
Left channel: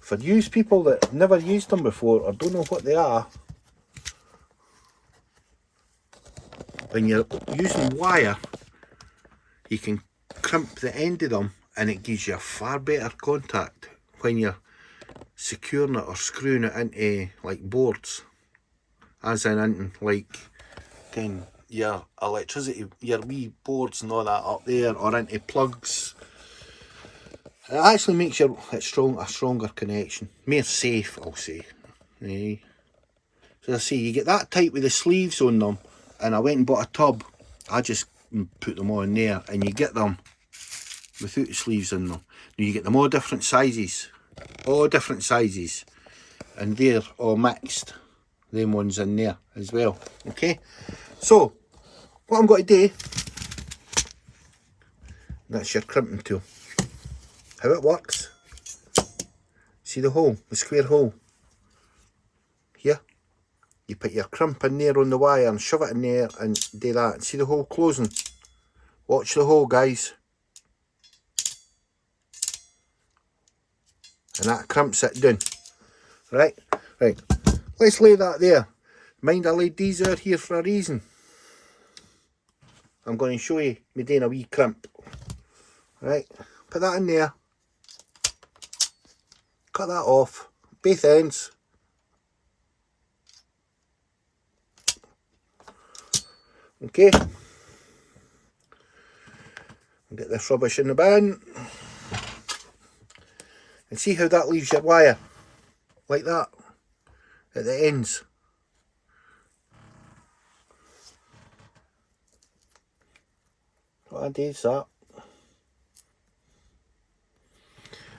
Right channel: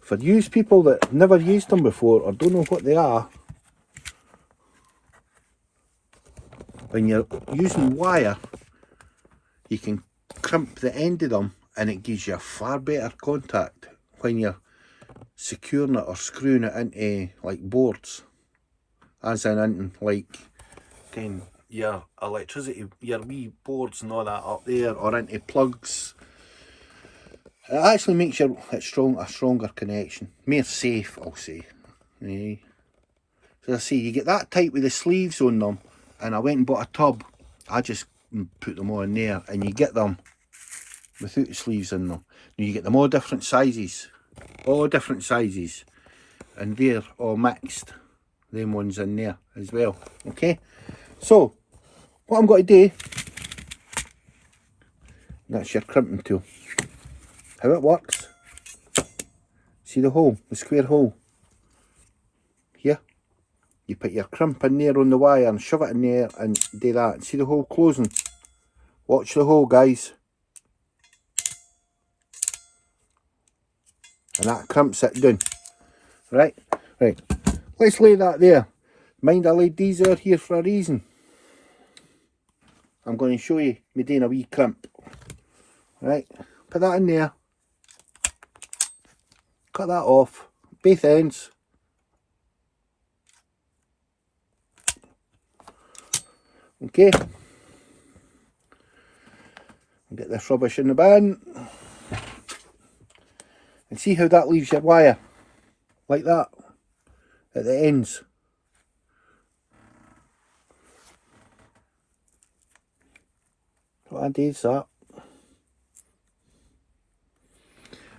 For you people that never used them before or don't know what they are, when you're using wire, you can crimp the end of them and it gives you a far better contact when you're securing it or screwing it into like boards, as in into like your electricity, your wee boards and all that up there, or into plugs. It actually makes a stronger connection, more safe, I'll say. So I say you get that type with the sleeves on them, and I went and bought a tub, I just put them on there, and you get them without the sleeves in them. Now you get them all different sizes, and they're all mixed, them ones in there as well. Okay, so what I'm going to do, that's your crimping tool. How it works, see the hole, the square hole here, you put your crimp in there on the wire and shove it in there and do that. See the hole closing? Watch the hole, guys. And that crimps it down. Right, let's lay that there. Mind I laid these out here for a reason. I'm going to show you me doing a wee crimp. Right, put that in there. Cut that off, both ends. Okay. Get this rubbish in the bin. And see how that leaves your wire? Like that. At the ends. What I do is that.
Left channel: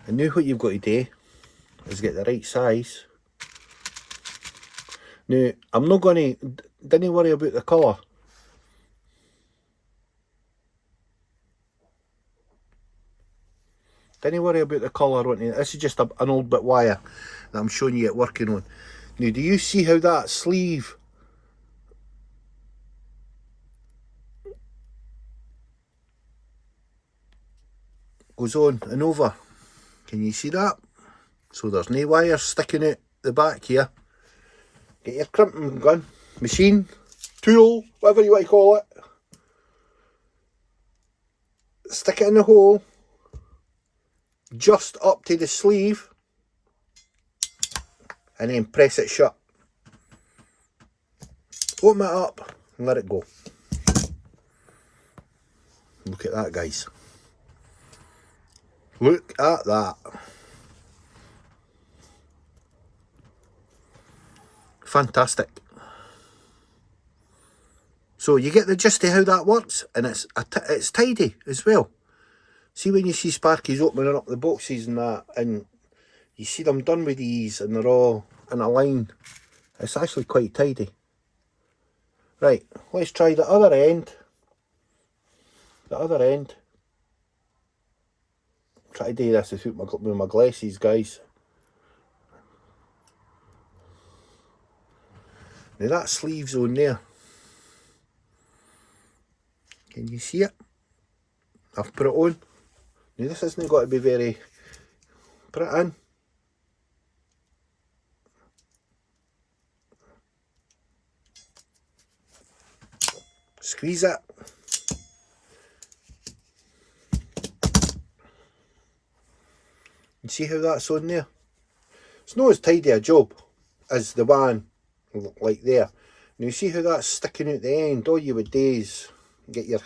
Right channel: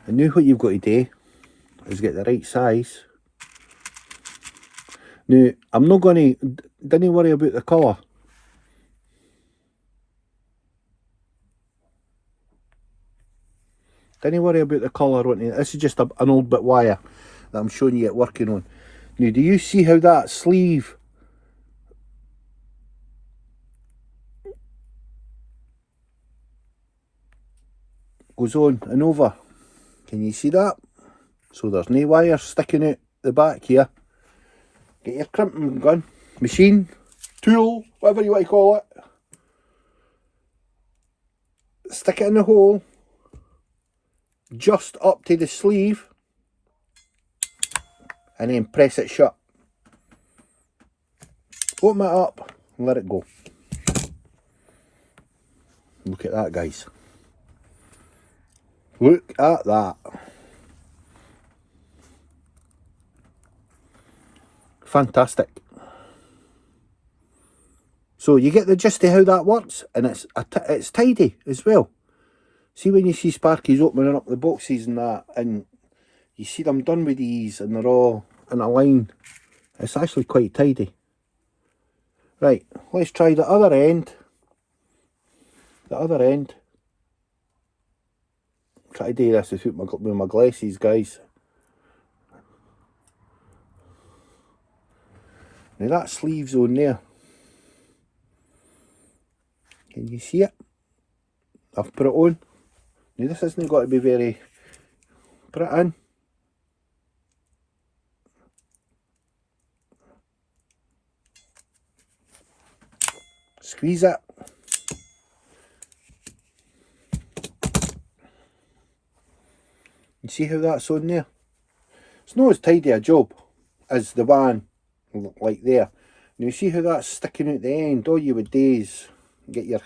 And now what you've got to do is get the right size. Now, I'm not going to, don't worry about the colour. Don't worry about the colour. This is just an old bit wire that I'm showing you it working on. Now, do you see how that sleeve goes on and over? Can you see that? So there's no wires sticking out the back here. Get your crimping gun, machine, tool, whatever you want to call it. Stick it in the hole, just up to the sleeve, and then press it shut. Open it up and let it go. Look at that, guys. Look at that. Fantastic. So you get the gist of how that works, and it's tidy as well. See when you see Sparky's opening up the boxes and that, and you see them done with these and they're all in a line. It's actually quite tidy. Right, let's try the other end. The other end. Try to do this with my glasses, guys. Now that sleeve's on there. Can you see it? I've put it on. Now this isn't got to be very... Put it in. Squeeze it. You see how that's on there? It's not as tidy a job as the one like there. Now you see how that's sticking out the end? All you would do is get your...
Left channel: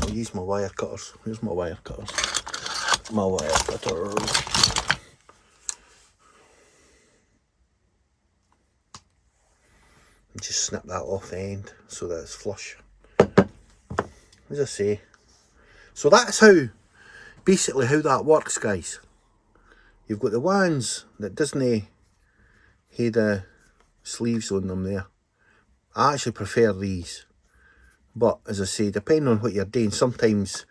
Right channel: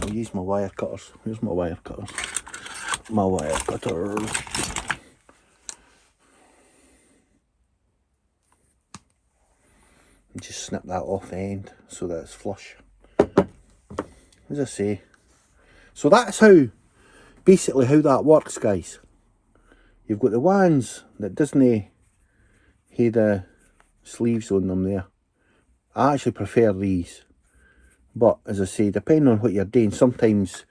I'll use my wire cutters. Here's my wire cutters. My wire cutter. And just snip that off the end so that it's flush. As I say. So that's how, basically how that works, guys. You've got the ones that doesn't have the sleeves on them there. I actually prefer these. But as I say, depending on what you're doing, sometimes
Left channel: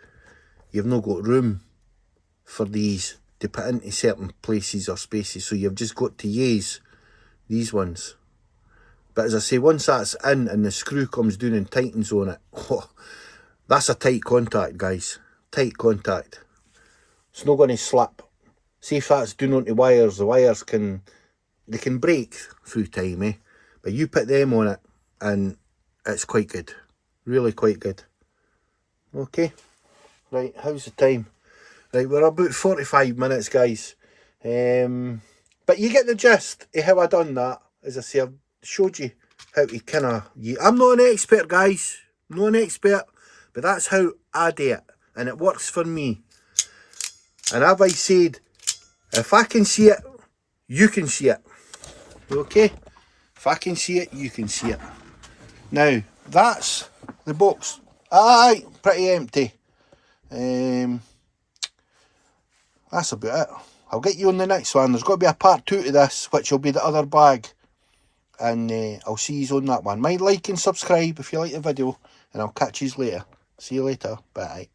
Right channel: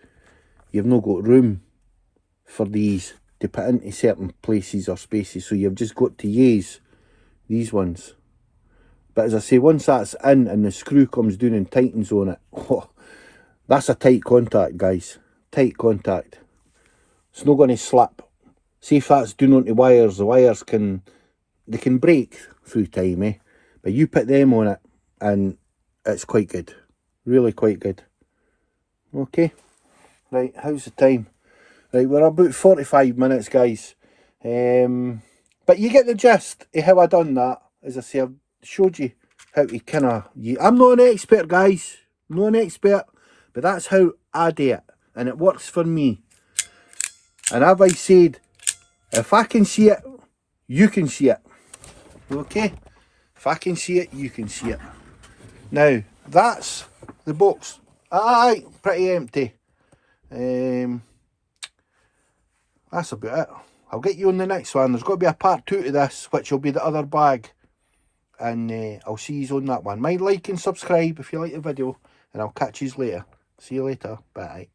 you've not got room for these to put into certain places or spaces, so you've just got to use these ones. But as I say, once that's in and the screw comes down and tightens on it, oh, that's a tight contact, guys. Tight contact. It's not going to slip. See if that's doing onto wires, the wires can break through time, eh? But you put them on it and it's quite good. Really quite good. Okay. Right, how's the time? Right, we're about 45 minutes, guys. But you get the gist of how I done that. As I say, I've showed you how to kind of... I'm not an expert, guys. I'm not an expert. But that's how I do it. And it works for me. And as I said, if I can see it, you can see it. Okay? If I can see it, you can see it. Now, that's the box. Aye, pretty empty. That's about it. I'll get you on the next one. There's got to be a part 2 to this, which will be the other bag. And I'll see you on that one. Mind, like and subscribe if you like the video. And I'll catch you later. See you later. Bye.